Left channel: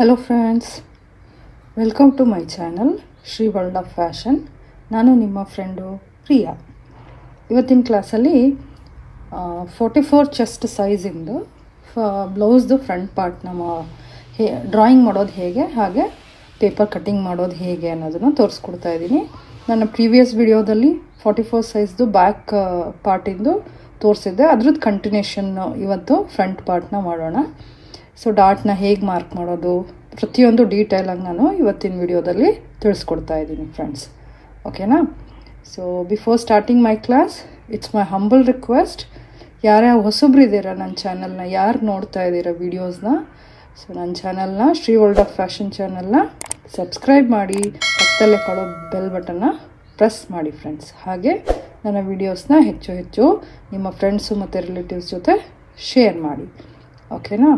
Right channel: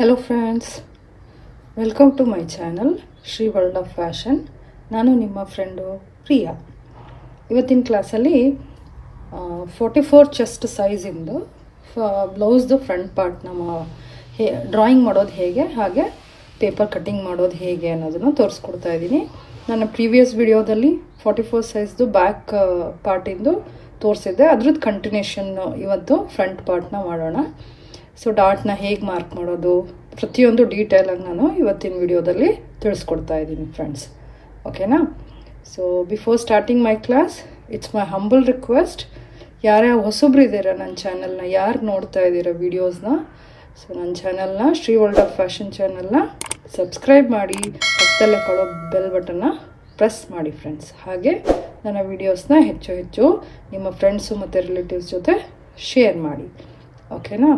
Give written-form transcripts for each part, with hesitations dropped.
Hello friends, welcome to my channel Shri World of Fashion. ನಾನು ನಿಮ್ಮ friend Priya. ಇವತ್ತಿನ ಕ್ಲಾಸಲ್ಲಿ 44 ಚೆಸ್ಟ್ ಸೈಜಿಂದು ಬ್ಲೌಸ್ದು ಫ್ರಂಟ್ ಪಾರ್ಟ್ನ ಡ್ರಾಯಿಂಗ್ ಮಾಡೋದು ಹೇಗೆ ಹಾಗೆ ಪೇಪರ್ ಕಟ್ಟಿಂಗ್ ಮಾಡೋದು ಹೇಗೆ ಅನ್ನೋದನ್ನು ತೋರಿಸ್ಕೊಡ್ತಾ ಇದ್ದೀನಿ. ನನ್ನ ಪ್ರೀವಿಯಸ್ ವಿಡಿಯೋದಲ್ಲಿ 44 ಸೈಜ್ದು ಬ್ಯಾಕ್ ಪಾರ್ಟಿಂದು ತೋರಿಸಿದ್ದೆ, ಅದ್ರದ್ದು ಕಂಟಿನ್ಯೂಷನ್ ಇವತ್ತು ಫ್ರಂಟ್ ಪಾರ್ಟ್ನ ಮಾಡೋಣ. ಸೊ ಡಾಟ್ನ ಹೇಗೆ ಮಾರ್ಕ್ ಮಾಡೋದು ಪ್ರತಿಯೊಂದು ಡೀಟೇಲಾಗಿ ನಾನು ಇವತ್ತಿನ ವಿಡಿಯೋದಲ್ಲಿ ತಿಳಿಸ್ಕೊಡ್ತಾ ಇದ್ದೀನಿ ಫ್ರೆಂಡ್ಸ್, ಓಕೆನಾ. So before starting my class, it's my humble request, ಯಾರ್ಯಾವ ಹೊಸಬ್ರು ಇದ್ದೀರಾ ನನ್ನ ಚಾನಲ್ನ, ಯಾರು ನೋಡ್ತಾ ಇದ್ದೀರಾ ವೀಡಿಯೋಸ್ನ, ಸೊ ನನ್ನ ಚಾನಲ್ನ ಶ್ರೀ ವರ್ಲ್ಡ್ ಆಫ್ ಫ್ಯಾಷನ್ ಚಾನಲ್ನ ಸಬ್ಸ್ಕ್ರೈಬ್ ಮಾಡಿ, ಪಕ್ಕದಲ್ಲೇ ಕಾಣೋ ಬೆಲ್ ಬಟನ್ನ ಪ್ರೆಸ್ ಮಾಡಿ ಫ್ರೆಂಡ್ಸ್. ಹಾಗೆ ನನ್ನ ವೀಡಿಯೋಸ್ನ ಹೆಚ್ಚು ನಿಮ್ಮ ಫ್ರೆಂಡ್ಸು ಮತ್ತು ರಿಲೇಟಿವ್ಸ್ ಜೊತೆ ಶೇರ್ ಮಾಡಿ, ಓಕೆನಾ.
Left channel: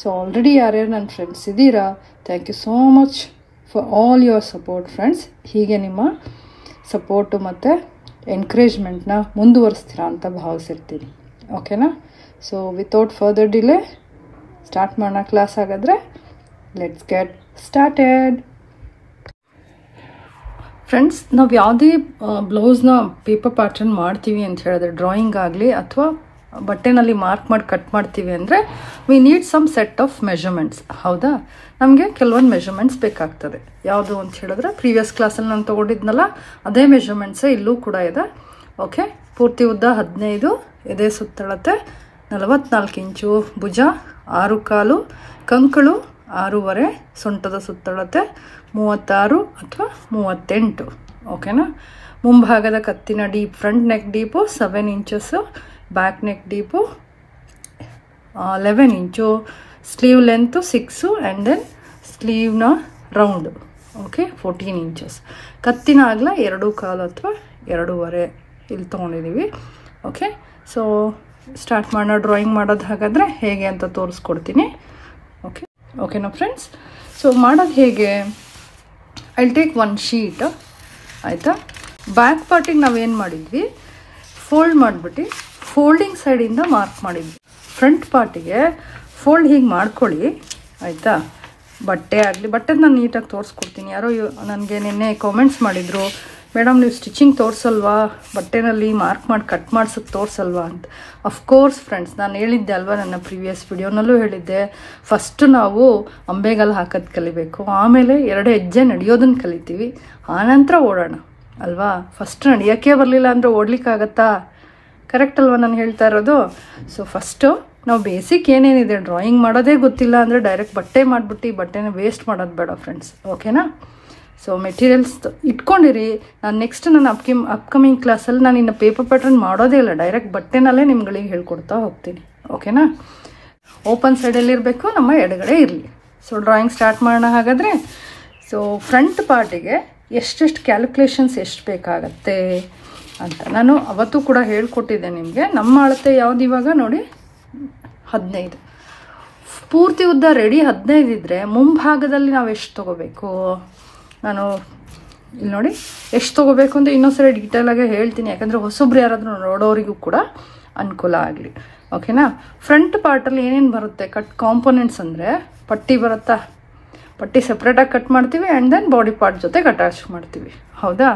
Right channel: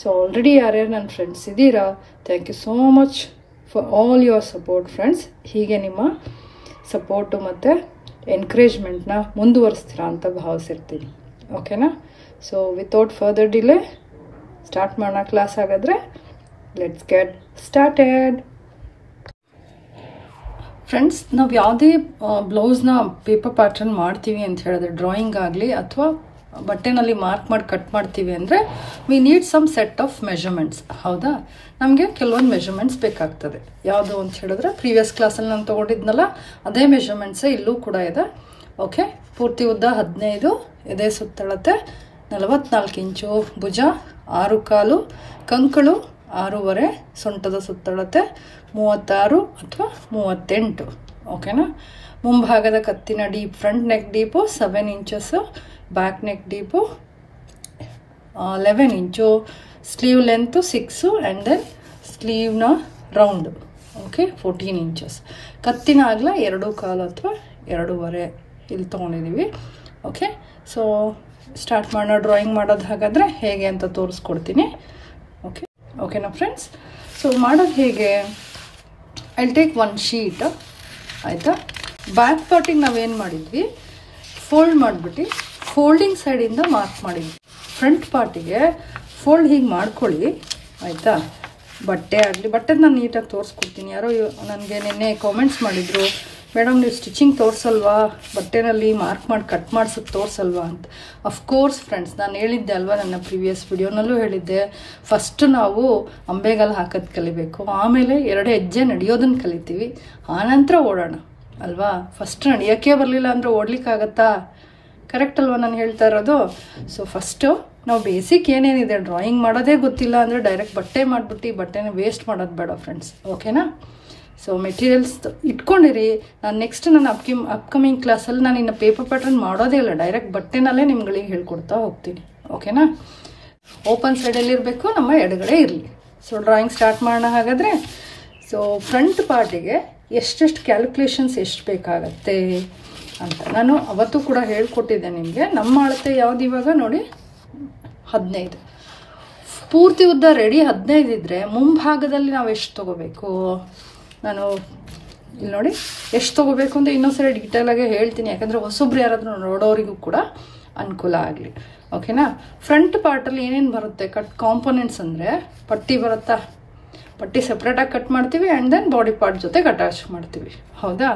ಸೊ ಆಲ್ರೆಡಿ ಯಾರ್ಯಾರು ನನ್ನ ಫ್ರೆಂಡ್ಸ್ ಇದ್ದೀರಾ, thank you so much for all your support friends. ಹೀಗೆ ನಿಮ್ಮ ಸಪೋರ್ಟು ಮತ್ತು ಎನ್ಕರೇಜ್ಮೆಂಟ್ನ ಮುಂದುವರಿಸ್ತೀರಾ ಅಂತ ಭಾವಿಸಿರ್ತೀನಿ, ಓಕೆನಾ. So without further delay start ಮಾಡೋಣ ಕ್ಲಾಸ್. ಹಾಗಾದರೆ ಲೆಟ್ಸ್ ಗೆಟ್ ಸ್ಟಾರ್ಟೆಡ್. ಫ್ರೆಂಡ್ಸ್, ನಾವು ಯಾವುದೇ ಬ್ಲೌಸ್ನ ಪೇಪರ್ ಪ್ಯಾಟರ್ನ್ ಮಾಡ್ತೀವಿ ಅಂತ ಹೇಳಿದ್ರೆ, ಡ್ರಾಯಿಂಗ್ ಆಗಲಿ ಅಥವಾ ಬಟ್ಟೆನಲ್ಲಿ ಮಾರ್ಕ್ ಮಾಡಿ ಕಟ್ ಮಾಡ್ತೀವಿ ಅಂದರೆ we need some set of measurements. ಹೌದಾ, ನಮಗೆ ಕೆಲವೊಂದು ಮೆಷರ್ಮೆಂಟ್ಸ್ ಬೇಕಾಗ್ತದೆ. ಯಾವುದು ಅಂತ ಹೇಳಿದ್ರೆ ಪ್ರೀವಿಯಸ್ ಕ್ಲಾಸಲ್ಲಿ ನಾನು ತೊಗೊಂಡಿದ್ನಲ್ಲ ಅದೇ ಮೆಷರ್ಮೆಂಟ್ಸೇ ಇಲ್ಲೂ ಕೂಡ ಇದೆ. ಓಕೆ, ಪೂರ್ತಿ ಉದ್ದ 15, ಎದೆ ಸುತ್ತಳತೆ 44 ಇಂಚು, ಭುಜ 6 ಕಾಲು, ಕಂಕಳು 6.5, ಸೊಂಟದ ಸುತ್ತಳತೆ 36 ಅಥವಾ 38, ಓಕೆನಾ. ಮುಂಭಾಗದ ಕತ್ತಿನ deep, front neck deep 7 inches, back neck deep 11 inch, sleeve length 6 and then ಸ್ಲೀವ್ನ ರೌಂಡು, ಓಕೆ, 14 ಇಂಚಸ್. ಕತ್ತಿನ ಅಗಲ 2 ಕಾಲು ಅಥವಾ 2.5 ಇಲ್ಲಿ ತೊಗೊಂಡಿದ್ದೀವಿ. ಓಕೆ, ಸೊ ಸ್ಟಾರ್ಟ್ ಮಾಡೋಣ ಡ್ರಾಯಿಂಗ್ ಮಾಡೋದು. ಹಾಗಾದರೆ ಹೇಗೆ ಅಂತ ತೋರಿಸ್ಕೊಡ್ತೀನಿ. ಓಕೆ, ಓಕೆನಾ ಫ್ರೆಂಡ್ಸ್. ಸೊ ಮಾಡೋದು ಹೇಗೆ, ಐ ಟೇಕ್ 1 ಶೀಟ್, ಆಯಿತಾ. ಬ್ಯಾಕ್ ಪಾರ್ಟಿಗೆ ನಾವೇನು ಮಾಡಿದ್ವಿ, ಫೋಲ್ಡ್ ಮಾಡಿಬಿಟ್ಟು ಫೋಲ್ಡಿಂಗ್ ಸೈಡಿಂದ ಮಾರ್ಕ್ ಮಾಡಿದ್ವಿ. ಫ್ರಂಟ್ ಪಾರ್ಟಿಗೆ ಫೋಲ್ಡ್ ಹೀಗೆ ಮಾಡ್ಕೊಳ್ಳಿ, ಆಯಿತಾ. ಬಟ್ಟೆ ಆಗಲಿ, ಬಟ್ಟೆದು ನಾನು ನೀಟಾಗಿ ತೋರಿಸ್ಕೊಡ್ತೀನಿ. ಯಾರೋ ನನಗೆ ನಿನ್ನೆ ಕಾಮೆಂಟ್ಸ್ ಮಾಡಿದರು, ಮೇಡಮ್ ನೀವು ಸ್ಟಿಚಿಂಗ್ ತೋರಿಸಲ್ವಾ, ಬಟ್ಟೆನಲ್ಲಿ ಮಾರ್ಕ್ ಮಾಡಿ ಕಟ್ ಮಾಡ್ಸೋಕ್ಕೆ ತೋರಿಸಲ್ವಾ ಅಂತ. ಅಫ್ಕೋರ್ಸ್ ಫ್ರೆಂಡ್ಸ್, ನಾನು ಹೇಳಿದ್ದೆ ಅಲ್ವಾ, ನನ್ನ ಪ್ರೀವಿಯಸ್ ವಿಡಿಯೋನಲ್ಲೂ ಹೇಳಿದ್ದೆ, ಫಸ್ಟ್ ನಾವು ಅಂಬೆಗಾಲು ಹಾಕೋದು ಕಲಿಬೇಕು, ಆಮೇಲೆ 2 ಹೆಜ್ಜೆ ನಡೆಯೋದನ್ನು ಕಲಿತೀವಿ, ಆನಂತರ ಓಡೋಣ ಅಲ್ವಾ. ಫಸ್ಟ್ ನಡೆಯೋಕ್ಕೆ ಬರಲಿಲ್ಲ ಅಂದರೆ ಓಡ್ಲಿಕ್ಕಾಗತ್ತಾ? ಕರೆಕ್ಟ್ ಅಲ್ವಾ ನಾನು ಹೇಳ್ತಾ ಇರೋದು? ಸೊ ಫಸ್ಟು ನಾವು ಬೇಸಿಕ್ ಏನೇನಿದೆ, ಡ್ರಾಯಿಂಗ್ ಮಾಡೋದೇ ಗೊತ್ತಿಲ್ಲ ಅಂದರೆ ಡೈರೆಕ್ಟ್ ಬಟ್ಟೆ ಮಾಡಿಬಿಟ್ಟು ಬಟ್ಟೆನ ವೇಸ್ಟ್ ಮಾಡೋದು ಬೇಡ ಫ್ರೆಂಡ್ಸ್, ಓಕೆನಾ. ಸೊ ಮೆಟೀರಿಯಲ್ಸ್ ಇಟ್ಕೊಂಡಿರಿ. ನಾನು ನೆಕ್ಸ್ಟ್ ನನ್ನ ಅಪ್ಕಮಿಂಗ್ ಕ್ಲಾಸಲ್ಲಿ ನಾನು ಇನ್ನು ಪೇಪರ್ ಪ್ಯಾಟರ್ನ್ ಮಾಡೋದೇ ಇಲ್ಲ, ಡೈರೆಕ್ಟ್ ಬಟ್ಟೆನಲ್ಲೇ ನಿಮ್ಗಳಿಗೆ ಹೇಳ್ಕೊಡ್ತಾ ಹೋಗ್ತೀನಿ, ಓಕೆನಾ. ಓಪನ್ ಸೈಡಲ್ಲಿರಬೇಕು, ನಮ್ಮ ಎಡಗಡೆ ಇರಲಿ. ಸೊ ಡ್ರಾಯಿಂಗ್ ಸ್ಟಾರ್ಟ್ ಮಾಡೋಣ ಹಾಗಾದರೆ. ಸೊ ಫ್ರಂಟ್ ಪಾರ್ಟಿಗೆ ಎಷ್ಟೆಷ್ಟು ಕ್ಯಾಲ್ಕುಲೇಷನ್ಸ್ ಎಷ್ಟು ಬೇಕಾಗತ್ತೆ ಅಂತ ನಾನು ಅವತ್ತು ಕೂಡ ಹೇಳ್ಕೊಟ್ಟಿದ್ದೆ ನಿಮಗೆ. ನಮ್ಮ ಅಳತೆ ಯಾವ್ದು ಇವಾಗ ನೋಡಿ, 15. ಪೂರ್ತಿ ಉದ್ದ ರೆಡಿ 15 ಇದ್ದರೆ ಮುಂಭಾಗದಲ್ಲಿ ನಾವು ಎಷ್ಟು ತೊಗೋಬೇಕು, ನಾನು ಇಲ್ಲಿ ನೋಡಿ ಎಷ್ಟು ತೊಗೋಬೇಕು ಅಂತ ಇನ್ನೊಂದ್ಸರಿ ಡೀಟೇಲಾಗಿ ಹೇಳ್ತೀನಿ, ಯಾಕಂದರೆ ಹೊಸೊಬ್ರು ಯಾರಾದರೂ ನೋಡೋರಿಗೂ ಕೂಡ ಅನುಕೂಲ ಆಗಲಿ, ಓಕೆನಾ. ಫ್ರಂಟ್ ಪಾರ್ಟಲ್ಲಿ ಏನೇನು ಬರುತ್ತೆ ಕಟ್ ಕಾಂಪೊನೆಂಟ್ಸ್ ಅಂದರೆ, ಪಟ್ಟಿ ಬರುತ್ತಾ, ಪಟ್ಟಿ ಸಪ್ರೇಟಾಗಿ ಕಟ್ ಮಾಡ್ತೀವಿ ಆ್ಯಂಡ್ ದೆನ್ ಬಾಡಿ ಪಾರ್ಟ್ ಜೊತೆಗೆ ಅಟ್ಯಾಚ್ ಮಾಡ್ತೀವಿ, ಹೌದಾ.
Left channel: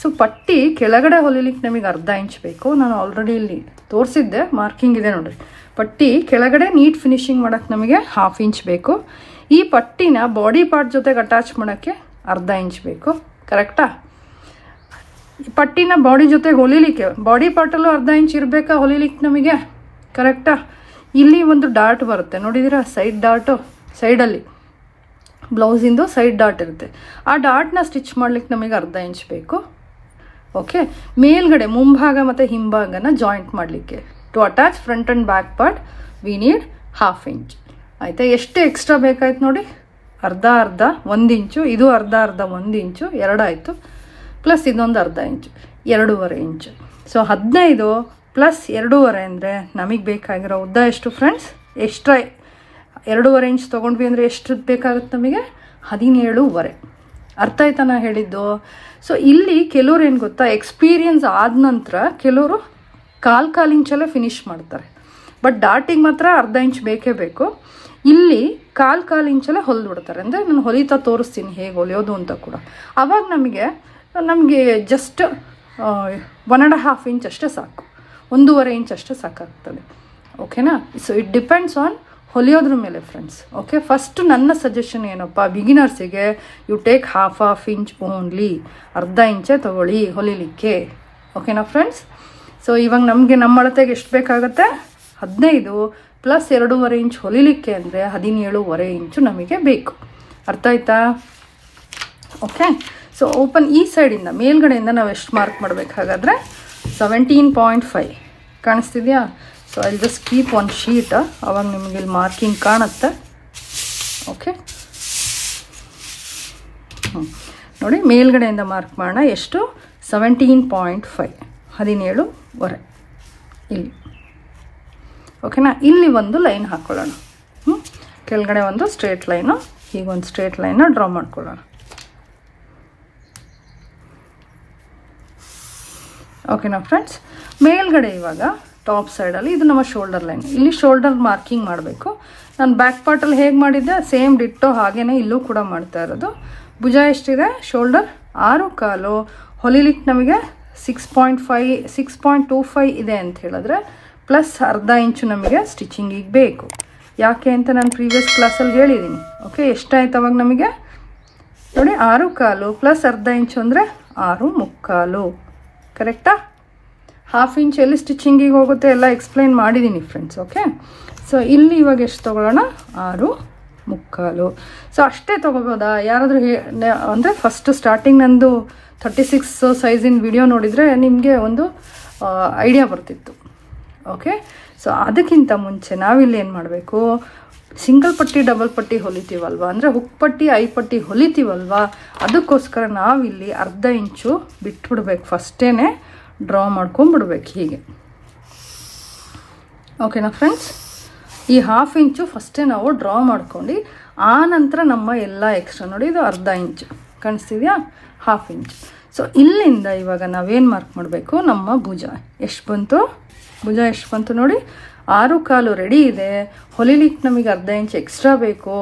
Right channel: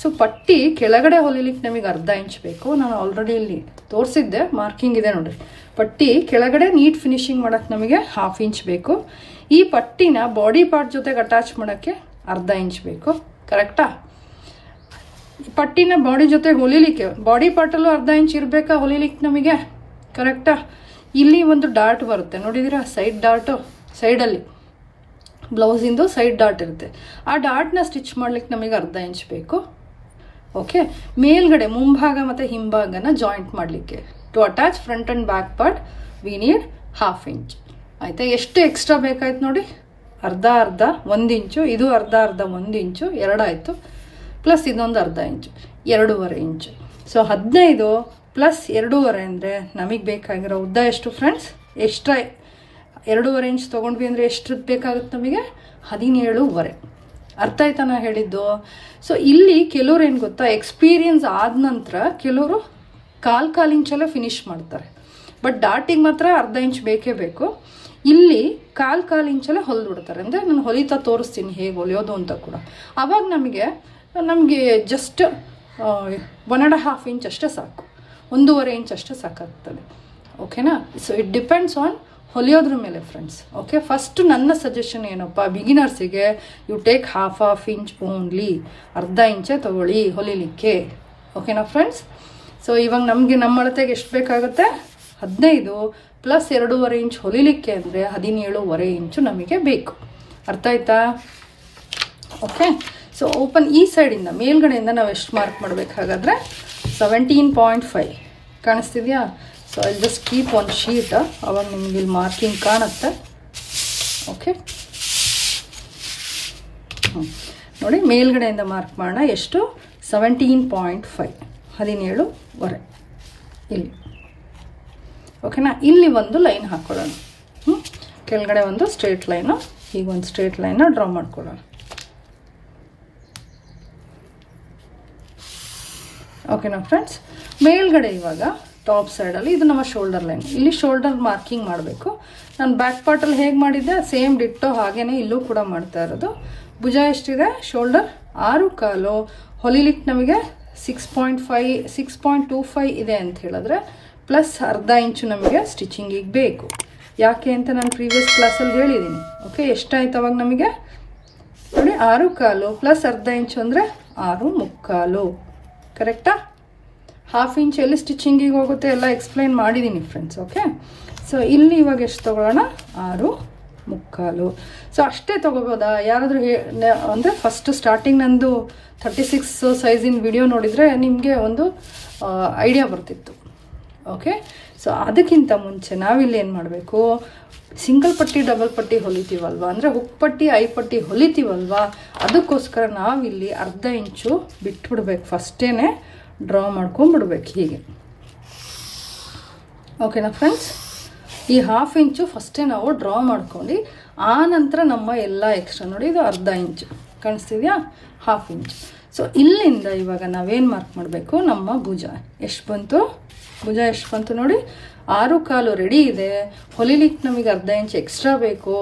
ಸೊ ಪಟ್ಟಿ ಕೆಳಗಡೆ ಹೊಲಿಲಿಕ್ಕೆ ನಮಗೆ 1/2 ಇಂಚ್ ಬೇಕು. ನಾನು ಆಲ್ರೆಡಿ ಇಲ್ಲಿ ತೋರಿಸಿದ್ದೆ, ಮಾರ್ಕಿಂಗ್ ಇದೆ ನೋಡಿರಿ. ಪಟ್ಟಿ ಕೆಳಗಡೆ ನೀಟ್ ಫಿನಿಶಿಂಗ್ ಮಾಡೋಕ್ಕೆ ನಮಗೆ 1/2 ಇಂಚ್ ಬೇಕು. ಈ ಪಟ್ಟಿನ ಬಾಡಿ ಪಾರ್ಟ್ ಜೊತೆಗೆ ಅಟ್ಯಾಚ್ ಮಾಡೋಕ್ಕೆ 1/2 ಇಂಚ್ ಬೇಕು, ಕರೆಕ್ಟಾ. ಪಟ್ಟಿನ ಬಾಡಿ ಜೊತೆ ಹೊಲಿಲಿಕ್ಕೆ ಬಾಡಿ ಪಾರ್ಟಲ್ಲೂ 1/2 ಇಂಚ್ ಇರಬೇಕಾ ಹೊಲಿಲಿಕ್ಕೆ ನಮಗೆ, ಕರೆಕ್ಟಾ. ಇಲ್ಲಿ ಒಂದು ಡಾಟ್ ಬರುತ್ತೆ ನೋಡಿದ್ದೀರಾ, ಸೈಡ್ ಡಾಟು, ಸೈಡಲ್ಲಿ ಬ್ಲೌಸಿಂದು ಸೈಡ್ ಡಾಟ್ ಇರುತ್ತೆ. ಆ ಡಾಟ್ನ ಸ್ಟಿಚ್ ಮಾಡ್ಲಿಕ್ಕೆ ನಮಗೆ 1/2 ಇಂಚ್ ಬೇಕು, ಓಕೆ. ಮೇಲ್ಗಡೆ ಮುಂಭಾಗ ಮತ್ತು ಹಿಂಭಾಗನ ಜಾಯಿಂಟ್ ಮಾಡಲಿಕ್ಕೆ, to attach front and back part we need 1/2 inch, ಆಯಿತಾ. ಎಷ್ಟು ಎಕ್ಸ್ಟ್ರಾ ಬೇಕಾಯ್ತು ನೋಡಿ, ಅರ್ಧ 1 ಇಂಚು, ಇದು ಅರ್ಧ 1 ಇಂಚು, 2 ಆಯಿತು, ಪ್ಲಸ್ ಇದೊಂದು 1/2 ಇಂಚು, 2.5 ಇಂಚು. ಸೊ 15 ಪ್ಲಸ್ 2.5 ಅಂದರೆ ನಮಗೆ ಬೇಕಾಗಿರೋ ಉದ್ದ ಎಷ್ಟು ಫ್ರೆಂಡ್ಸ್, ಎಕ್ಸ್ಟ್ರಾ 2.5 ಇಂಚ್ ತೊಗೊಂಡ್ವಿ ಅಂದರೆ ಎಷ್ಟು ಬೇಕಾಗುತ್ತೆ ನಮಗೆ, 17.5. ಅರ್ಥ ಆಯ್ತಾ ನಾ ಹೇಳಿದ್ದು? ಸೊ ಇಲ್ಲಿ ಕೆಲವ್ರು ಏನು ಗೊತ್ತಾ, ಎಕ್ಸ್ಪೀರಿಯನ್ಸ್ ಆದ ನಂತರ ಕೆಲವರು 1/4 ಇಂಚಲ್ಲೇ ಫಿನಿಶ್ ಮಾಡ್ತಾರೆ. ಬಟ್ ಡಾಟಿಗೆ ಮಾತ್ರ ಅರ್ಧ ಇಂಚ್ ಬೇಕೇ ಬೇಕು. ಇಲ್ಲಿ ಕಾಲು ಇಂಚಲ್ಲೇ ಹೊಲಿದು ಬಿಡ್ತಾರೆ. ಅಂದರೆ ನಾನು ಹೊಲಿತಾ ತೋರಿಸ್ತೀನಿ ಹೇಗೆ ಹೊಲಿಯೋದು ಅಂತ ಕೂಡ. ಆವಾಗ ನಮಗೆ ಜಸ್ಟ್ 1.5 ಇಂಚ್ ಅಷ್ಟೇ ಸಾಕು, 1.5 ಇಂಚ್ ಅಷ್ಟೇ ಸಾಕಾಗ್ತದೆ. ಓಕೆನಾ? ಸೊ ಇಟ್ ಡಿಪೆಂಡ್ಸ್ ಆನ್ ಹೊಲಿಯೋದ್ರ ಮೇಲೆ ಫ್ರೆಂಡ್ಸ್. ಓಕೆ, ಫಸ್ಟ್ ನನ್ನ ಸಜೆಷನ್ ಏನಪ್ಪ, ಬಿಗಿನರ್ಸಿಗೆ you take half inch only, ಅರ್ಧ ಇಂಚೇ ತಗೊಳ್ಳಿ ಹೊಲಿಲಿಕ್ಕೆ. ಓಕೆನಾ ಫ್ರೆಂಡ್ಸ್? ಸೊ ಇವಾಗ ನಮಗೆ ನಮ್ಮ ಅಳತೆಗೆ ಎಷ್ಟು ಬೇಕಾಗುತ್ತೆ, 15 ಪ್ಲಸ್ 2.5 ಇಂಚ್ ಹೊಲಿಲಿಕ್ಕೆ ಅಂದರೆ 17.5 ಇಂಚು ನಮಗೆ ಬೇಕು. ಅರ್ಥ ಆಯ್ತಾ? ಓಕೆ, ಸೊ ಓಪನ್ ಈ ಸೈಡಿಂದ ಮೇಲ್ಗಡೆಯಿಂದ ನಾವು ಎಷ್ಟು ಮಾರ್ಕ್ ಮಾಡಬೇಕು ಹಾಗಾದರೆ 17.5 ಕಾಣಿಸ್ತಿದೆಯಾ? So I just keep one sheet, ಅವಾಗ ನಿಮಗೆ ಇಲ್ಲಿ ಮಾರ್ಕಿಂಗ್ ಕಾಣುತ್ತೆ. ಓಕೆ, ನೋಡಿ ಮೇಲ್ಗಡೆಯಿಂದ ಮಾರ್ಕ್ ಮಾಡೋಣ. ಎಷ್ಟು? 17.5, 17.5 ಇಲ್ಲಿ. ಓಕೆನಾ? ಇಲ್ಲಿ ಒಂದು ಲೈನ್ ಹಾಕೊಳ್ಳೋಣ. ಕೆಳಗಡೆ ಒಂದು ಸ್ಟ್ರೇಟ್ ಲೈನು, ಹೀಗೊಂದು ಸ್ಟ್ರೇಟ್ ಲೈನ್ನ ಡ್ರಾ ಮಾಡ್ಕೊಳ್ಳೋಣ. ಓಕೆನಾ ಫ್ರೆಂಡ್ಸ್? ಮೇಲ್ಗಡೆ ಇವಾಗ ಟಾಪ್ ಸೈಡಲ್ಲಿ ಇದು ನಮ್ಮ ಶೋಲ್ಡರ್ ಲೈನ್, ಇಲ್ಲಿ ಶೋಲ್ಡರ್ ಮಾರ್ಕಿಂಗ್ ಮಾಡಬೇಕು. ನಾನು ಬ್ಯಾಕ್ ಪಾರ್ಟಲ್ಲಿ ಹೇಗೆ ಮಾಡಿದ್ದೆ ಸೇಮ್ ಡಿಟ್ಟೋ ಹಾಗೇನೆ ಇಲ್ಲೂ ಕೂಡ ಮಾಡ್ತಾ ಇರೋದು. ಭುಜ ಎಷ್ಟಿದೆ? ಶೋಲ್ಡರ್ 6.25, ಹೊಲಿಲಿಕ್ಕೆ ನಮಗೆ 6.25 ಇದೆ ಅಂತ ಹೇಳಿದ್ರೆ ಪ್ಲಸ್ ಅರ್ಧ ಇಂಚು ನಮಗೆ ಸ್ಟಿಚಿಂಗಿಗೆ ಬೇಕು. ಯಾಕೆ ಅಂತ ನಾನು ಪ್ರೀವಿಯಸ್ ಕ್ಲಾಸಲ್ಲಿ ಹೇಳಿದ್ದೀನಿ. ಓಕೆ, ಎಷ್ಟಾಯ್ತು ಅವಾಗ ನಮಗೆ? ನೋಡಿ 6.25 ಪ್ಲಸ್ ಅರ್ಧ ಇಂಚು ಅಂದರೆ 6.25. ಕರೆಕ್ಟಾ? ಹಾಫ್ ಇಂಚ್ ಎಲ್ಲಿ ಸ್ಟಿಚಿಂಗಿಗೆ ಹೋಗುತ್ತೆ ಎಲ್ಲ ಎಕ್ಸ್ಪ್ಲೈನ್ ಮಾಡಿದ್ದೀನಿ ಫ್ರೆಂಡ್ಸ್. ಓಕೆ, ಸೊ ಇಲ್ಲಿ ಇವಾಗ ಎಷ್ಟು ತೊಗೊಳ್ಳೋಣ? 6.25. ಸೊ ಅಷ್ಟೇ ತೊಗೋಬೋದಾ? ಯಾರಾದರೂ ಅಂದರೆ ಫಸ್ಟ್ ಸ್ಟಾರ್ಟಿಂಗ್ ನಂದು 36 ಸೈಜಿನ ವಿಡಿಯೋ ನೋಡಿದರೆ ನಿಮಗೆ ಒಂದು ಐಡಿಯಾ ಬರ್ತಿತ್ತು. ಓಕೆ, ಸೊ ಅದಕ್ಕಿಂತ ಮುಂಚೆ ನಾವಿಲ್ಲಿ ಏನು ಮಾಡಬೇಕು, ಸಿಂಗಲ್ ಪಟ್ಟಿ ಡಬಲ್ ಪಟ್ಟಿ ಹೊಲಿತೀವಲ್ವ, ಅಂದರೆ ಹುಕ್ ಪಟ್ಟಿ ಐಪಟ್ಟಿ ಹೊಲಿತೀವಲ್ವ, ಅದಕ್ಕೋಸ್ಕರ ನಾವಿಲ್ಲಿ ಅರ್ಧ ಇಂಚು ಬಿಟ್ಬಿಡ್ಬೇಕು. ಫಸ್ಟೇನೆ ಡ್ರಾ ಮಾಡ್ಕೊಂಡ್ಬಿಡ್ಬೇಕು ಹೀಗೆ. ಓಕೆನಾ ಫ್ರೆಂಡ್ಸ್? ಈ ಹಾಫ್ ಇಂಚು ಫಸ್ಟೇ ನಾವು ಡ್ರಾ ಮಾಡ್ಕೊಂಡು ಆ ನಂತರ ನಮ್ಮ ಎಲ್ಲ ಎಕ್ಸ್ಟ್ರಾ ನೋಡಿ ಇದು ಅರ್ಧ ಇಂಚು ಕಾಣಿಸ್ತಿದ್ಯಾ? Half inch. ಸೊ ಇಲ್ಲಿಂದ ಇವಾಗ ನಾವೇನು ಮಾರ್ಕ್ ಮಾಡಬೇಕು, ನಮ್ಮ ಭುಜ ಎಷ್ಟು ಬಂತು? ಭುಜ ಎಷ್ಟು ಬಂತು ನೋಡಿ, 6.25 ರೆಡಿ ಇದೆ. ಹೊಲಿಲಿಕ್ಕೆ ನಮಗೆ ಅರ್ಧ ಇಂಚ್ ಎಕ್ಸ್ಟ್ರಾ ಬೇಕು.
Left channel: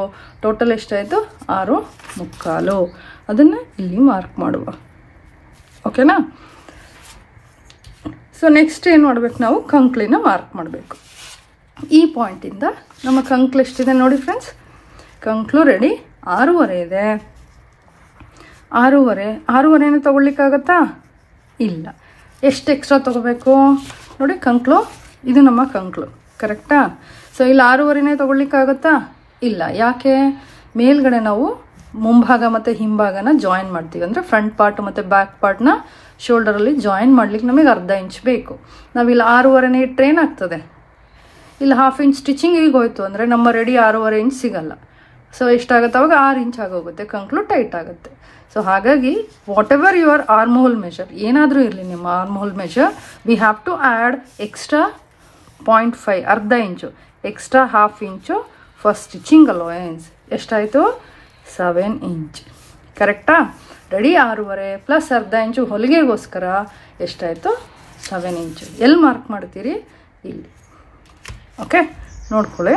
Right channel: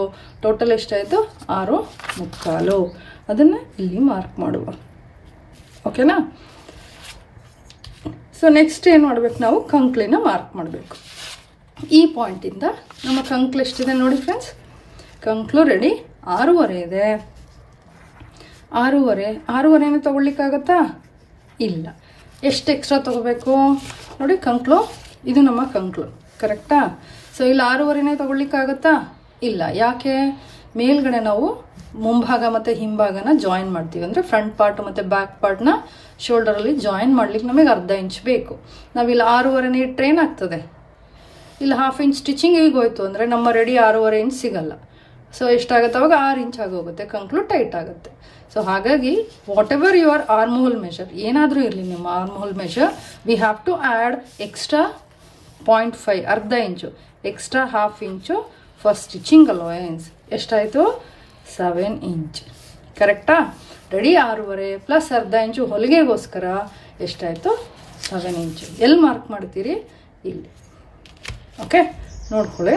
ಟೋಟಲ್ ಎಷ್ಟಾಯಿತು? 6.25. ಅದನ್ನು ಇಲ್ಲಿ ಮಾರ್ಕ್ ಮಾಡುವ. ಓಕೆನಾ? ಸೊ ನೆಕ್ಸ್ಟ್ ಏನು ಮಾಡಬೇಕು, ನಾವು ಕಂಕ್ಳಿನ ಮಾರ್ಕ್ ಮಾಡಬೇಕು. ಈ ಪಾಯಿಂಟಿಂದ ನಮ್ಮ ಕಂಕ್ಳು ಎಷ್ಟಿದೆ ನೋಡಿ ಫ್ರೆಂಡ್ಸ್. ಕಂಕ್ಳು ರೆಡಿ 6.5 ಇದೆ. 6.5 ತಗೊಳ್ಲಿಕ್ಕಾಗತ್ತಾ? ಇಲ್ಲ. ಎಷ್ಟು ಎಕ್ಸ್ಟ್ರಾ ತಗೋಬೇಕು ನೋಡಿ. ಕಂಕ್ಳು ಇದು ನಮ್ಮ ಕಂಕ್ಳು, ಕರೆಕ್ಟಾ? ಸೊ ಇಲ್ಲಿ 6.5 ತಗೊಳ್ಲಿಕ್ಕಾಗತ್ತಾ? ಇಲ್ಲ. ಯಾಕೆ? ಮೇಲ್ಗಡೆ ನಾವು ಮುಂಭಾಗ ಮತ್ತು ಹಿಂಭಾಗನ ಜಾಯಿನ್ ಮಾಡ್ತೀವಿ. ಅಂದರೆ ಫ್ರಂಟ್ ಪಾರ್ಟ್ ಮತ್ತು ಬ್ಯಾಕ್ ಪಾರ್ಟ್ನ ಶೋಲ್ಡರಲ್ಲಿ ಜಾಯಿನ್ ಮಾಡ್ಲಿಕ್ಕೆ ನಮಗೆ ಅರ್ಧ ಇಂಚ್ ಬೇಕು. ನಾವಿಲ್ಲಿ 6.5 ಇಟ್ಟರೆ ಏನಾಗ್ತದೆ, ಇಲ್ಲಿ ಹಾಫ್ ಇಂಚ್ ಸ್ಟಿಚಿಂಗ್ ಈಗ ಹೋಯ್ತು ಅಂದರೆ ನಮ್ಮ ರೆಡಿ 6.5 ಇಂಚ್ ಸಿಗಲ್ಲ. ಸೊ ಎಷ್ಟಾಗುತ್ತೆ ಅವಾಗ? 6 ಇಂಚ್ ಆಗೋಗುತ್ತೆ, ಕಂಕ್ಳು ಟೈಟ್ ಆಗುತ್ತೆ. ಸೊ ಹಾಗಾಗಿ whatever your arm hole measure, ಏನಾದರೂ ಇರಲಿ ನಿಮ್ಮ arm hole measure, we have to add extra 0.5 ಅರ್ಧ inch extra half inch for stitching allowance. ಎಷ್ಟಾಯಿತು? 7 ಇಂಚ್. ಕರೆಕ್ಟಾ? ರೆಡಿ 6.5 ಪ್ಲಸ್ ಅರ್ಧ ಇಂಚು ಹೊಲಿಗೆಗೋಸ್ಕರ ಎಷ್ಟಾಯಿತು? 7 ಇಂಚು. ಎಲ್ಲಿ ಮಾರ್ಕ್ ಮಾಡ್ತೀರಿ? ಇಲ್ಲಿ. ಓಕೆ, ನೋಡ್ಕೊಳ್ಳಿ.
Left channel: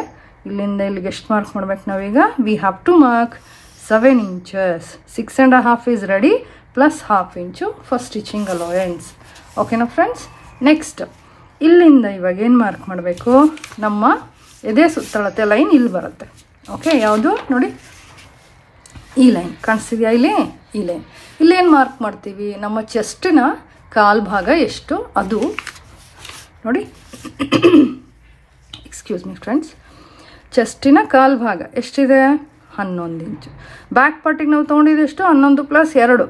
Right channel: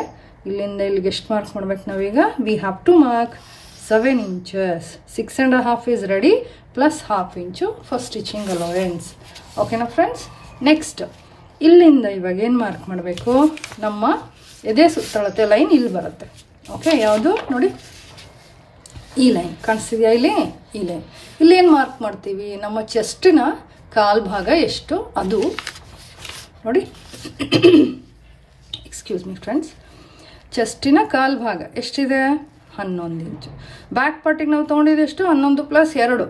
ಇಲ್ಲಿಂದ ಇಲ್ಲಿಗೆ ಎಷ್ಟು ಮಾರ್ಕ್ ಮಾಡ್ಬೇಕು ನಾವೀಗ? We have to mark 7 inches. 6.5 is ready plus half inch for stitching allowance. ಓಕೆನಾ ಫ್ರೆಂಡ್ಸ್? ನೆಕ್ಸ್ಟ್ ಇಲ್ಲಿಂದ ಇವಾಗ ಏನು ಮಾರ್ಕ್ ಮಾಡಬೇಕು, ನಮ್ಮ ಎದೆ ಸುತ್ತಳತೆ ಲೈನ್ ಇಲ್ಲಿ ಬರುತ್ತೆ. ಓಕೆ, ಯಾವುದು ನೋಡಿ, ಈ ಲೈನ್ ಕಾಣಿಸ್ತಿದೆಯಾ ಇಲ್ಲಿ? ಈ ಲೈನ್. ಇಲ್ಲೇನು ಮಾರ್ಕ್ ಮಾಡ್ತೀವಿ, ನಮ್ಮ ಚೆಸ್ಟಿನ ಕಾಲು ಭಾಗ ಎಷ್ಟು ಅದು ನೋಡಿ. ಎಕ್ಸ್ಕ್ಯೂಸ್ ಮಿ ಫ್ರೆಂಡ್ಸ್, ಚೆಸ್ಟಿನ ಕಾಲು ಭಾಗ ಎಷ್ಟಿದೆ? 11 ಇಂಚು. ಬ್ಯಾಕ್ ಪಾರ್ಟಿಗೆ ನಾವು ತೊಗೊಂಡಿದ್ದು ಎಷ್ಟು? 11 ಪ್ಲಸ್ 2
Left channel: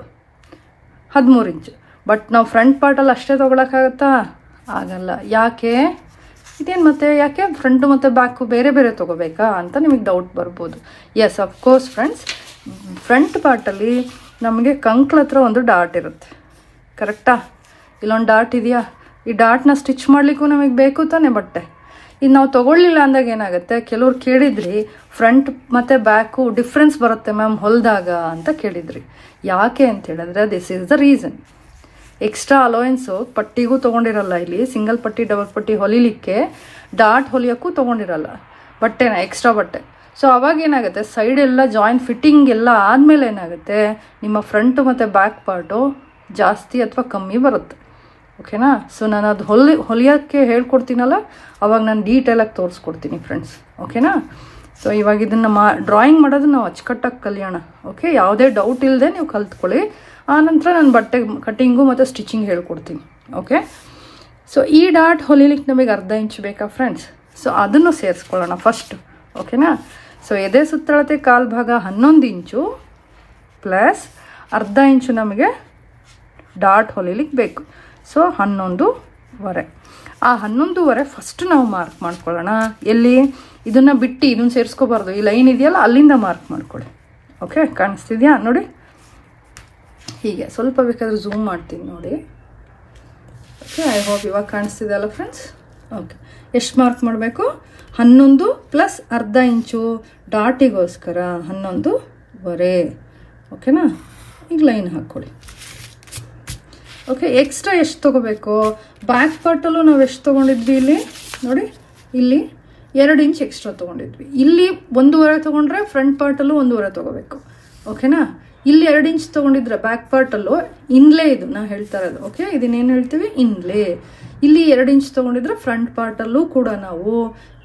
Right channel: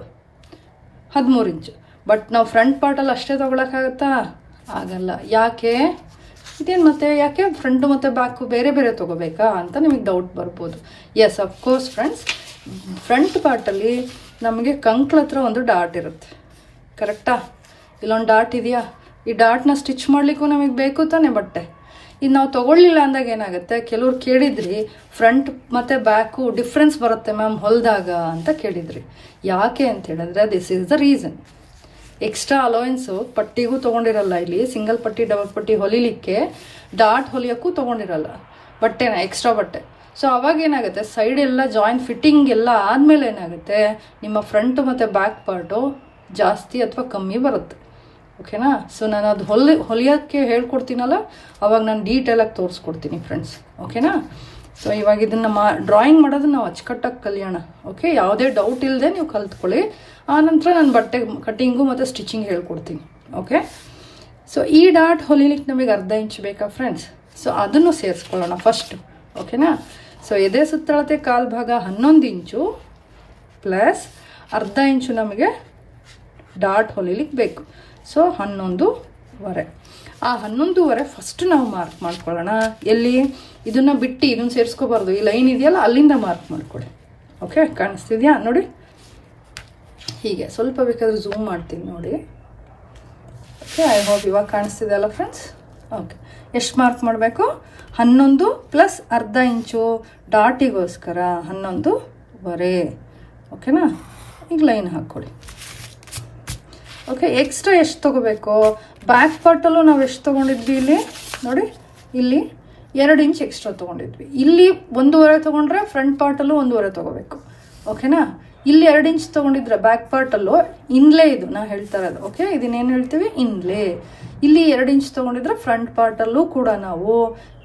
13 ಇಂಚು. ಬಟ್ ನಾವು ಫ್ರಂಟ್ ಪಾರ್ಟಲ್ಲಿ ಅಷ್ಟೇ ತೊಗೊಳಕ್ಕಾಗತ್ತಾ? ಆಗಲ್ಲ. ಯಾಕೆ? ಇದೇನು ಮತ್ತೆ ಯಾಕೆ ಫ್ರಂಟು ಮತ್ತು ಬ್ಯಾಕು ಬೇರೆ ಬೇರೆ ತೊಗೋಬೇಕಾ ಅಂತ ನಿಮಗೆ ಡೌಟ್ ಬರ್ಬೋದು. ಎಸ್, ಅಫ್ಕೋರ್ಸ್ ಫ್ರೆಂಡ್ಸ್, ಫ್ರಂಟ್ ಪಾರ್ಟಲ್ಲಿ ನಮಗೆ ಕಂಕ್ಳ ಹತ್ರ ಒಂದು ಡಾಟ್ ಇರುತ್ತೆ, ಕರೆಕ್ಟಾ? ಇಲ್ಲೊಂದು ಡಾಟ್ ಇದೆಯಾ? ಈ ಡಾಟ್ನ ಸ್ಟಿಚ್ ಮಾಡಲಿಕ್ಕೂ ನಮಗೆ ಬೇಕು ತಾನೆ ಬಟ್ಟೆ. ಇದು ನಾವು ತೊಗೊಳ್ಳಿಲ್ಲ ಅಂದಾಗ ಏನಾಗುತ್ತೆ, ಕೆಲವ್ರು ಕೇಳಿದ್ರಿ ಫ್ರಂಟ್ ಮತ್ತು ಬ್ಯಾಕು ಡಿಫ್ರೆನ್ಸ್ ಬರುತ್ತೆ ಮ್ಯಾಮ್ ಹೊಲಿದಾಗ ಅಂತ ಕೇಳಿದ್ರಿ. ಯಾಕೆ ಅಂತ ಹೇಳಿದ್ರೆ this is the reason. Extra allowance ಪಟ್ಟಿಗೂ ತೊಗೊಂಡಿರಲ್ಲ, ಇಲ್ಲಿ ಸಿಂಗಲ್ ಪಟ್ಟಿ ಡಬಲ್ ಪಟ್ಟಿ ಹೊಲಿಲಿಕ್ಕೆ ಡಾಟ್ ಹೊಲಿಯೋಕ್ಕೂ ತೊಗೊಂಡಿರಲ್ಲ, ಬಟ್ಟೆನ ಎಕ್ಸ್ಟ್ರಾ ಬಟ್ಟೆ. ಸೊ ಅವಾಗ ಏನಾಗುತ್ತೆ, ಸೈಡ್ ಎಲ್ಲ ಜಾಯಿಂಟ್ ಫಿಟ್ಟಿಂಗ್ ಎಲ್ಲ ಆದಮೇಲೆ ಏನಾಗುತ್ತೆ, ನಿಮ್ಮ ಫ್ರಂಟ್ ಮತ್ತು ಬ್ಯಾಕ್ ಪಾರ್ಟು ಜಾಸ್ತಿ ಅಥವಾ ಕಮ್ಮಿ ಬರುತ್ತೆ. ಓಕೆನಾ? ಸೊ ನಾನು ಅದು ಹೊಲಿಯೋಕ್ಕೆ ಹೇಳ್ಕೊಡ್ತೀನಲ್ಲ, ಅವಾಗ ನಾನು ಡೀಟೇಲಾಗಿ ತೋರಿಸ್ಕೊಡ್ತೀನಿ ಫ್ರೆಂಡ್ಸ್. ಓಕೆನಾ? ಸೊ ಇವಾಗ ಇದನ್ನು ಡ್ರಾಯಿಂಗ್ ಮಾಡೋದು ನಾವು ಅಚ್ಚುಕಟ್ಟಾಗಿ ಕಲಿಯೋಣ. ಓಕೆ, ಯಾವುದೇ ಡೌಟ್ ಇಲ್ಲದೆ ನೀವು ಕಲ್ತ್ಕೊಳ್ಳಿ. ಆನಂತರ ನಾನು ಬಟ್ಟೆ ಕಟ್ಟಿಂಗು ಮತ್ತು ಸ್ಟಿಚಿಂಗ್ ಹೇಳ್ಕೊಡ್ತೀನಿ. ಓಕೆ, ಸೊ ಈ ಡಾಟ್ ಹೊಲಿಲಿಕ್ಕೆ ನಮಗೆ ಅರ್ಧ ಇಂಚ್ ಬೇಕಾ ಫ್ರೆಂಡ್ಸ್? ಸೊ ಅದನ್ನು ಸೇರಿಸ್ಕೊಳ್ಳೋಣ ಫಸ್ಟ್. ಓಕೆನಾ? ಸೊ ಎದೆ ಸುತ್ತಳತೆ ಕಾಲು ಭಾಗ 11 ಇಂಚು ಪ್ಲಸ್ ಅರ್ಧ ಇಂಚು ನಮಗೆ ಡಾಟ್ ಹೊಲಿಲಿಕ್ಕೆ ಬೇಕು. ಸೊ 11.25. ಆ 11.25 ಫಸ್ಟ್ ನಾವು ಮಾರ್ಕ್ ಮಾಡ್ಕೊಳ್ಳೋಣ. ಎಲ್ಲಿ? ಇದನ್ನ ಬಿಟ್ಟು ಇದನ್ನ ಸೇರಿಸ್ಕೋಬಾರ್ದು, ಈ ಲೈನ್ ಇದೆಯಲ್ಲ ಅಲ್ಲಿಂದ ಮಾರ್ಕ್ ಮಾಡ್ಕೊಳ್ಳಿ. ಓಕೆ, ಕಾಣಿಸ್ತಿದ್ಯಾ ನೋಡಿ? ಹೀಗೆ ಸ್ವಲ್ಪ ಬೇಕಾದ್ರೆ ಝೂಮ್ ಮಾಡ್ತೀನಿ ನೋಡಿ. ಓಕೆ, ಐ ಹೋಪ್ ಇವಾಗ ಕಾಣಿಸ್ತಿದೆ ಅಲ್ಲ ಫ್ರೆಂಡ್ಸ್? ಓಕೆ, ಎಷ್ಟು ಮಾರ್ಕ್ ಮಾಡಬೇಕು? 11 ಪ್ಲಸ್ ಅರ್ಧ ಇಂಚು ಡಾಟಿಗೋಸ್ಕರ 11.25. ಓಕೆನಾ? ಈಗ ಲೈನ್ ಹಾಕ್ಕೊಳ್ಳಿ. ಓಕೆ, ಎಕ್ಸ್ಟ್ರಾ ಎಷ್ಟು ತೊಗೋಬೇಕು? ಬ್ಯಾಕ್ ಪಾರ್ಟಲ್ಲೂ ನಾವು ಎಷ್ಟು ತೊಗೊಂಡಿದ್ವಿ ಇಲ್ಲಿ ನೋಡಿ, ಇಲ್ಲಿ 2 ಇಂಚ್ ಎಕ್ಸ್ಟ್ರಾ ತೊಗೊಂಡಿದ್ವಿ. ಇಲ್ಲಿ 1.25 ತೊಗೊಂಡ್ರೆ ಫ್ರಂಟ್ ಪಾರ್ಟಲ್ಲೂ 1.25 ತೊಗೋಬೇಕು. ಓಕೆನಾ? ಇಲ್ಲಿ 2 ಇಂಚ್ ತೊಗೊಂಡಿದ್ರೆ ಬ್ಯಾಕ್ ಪಾರ್ಟಲ್ಲೂ ಇನ್ಲೇ, ಇದು ನಾ ಹೇಳ್ತಾ ಇರೋದು. ಓಕೆ, ಇದನ್ನೇನು ಹೇಳ್ತೀವಿ? ಇನ್ಲೇ. ಇಲ್ಲಿ 2 ಇಂಚ್ ತೊಗೊಂಡಿದ್ರೆ ಫ್ರಂಟ್ ಪಾರ್ಟಲ್ಲೂ ಕೂಡ ನಾವು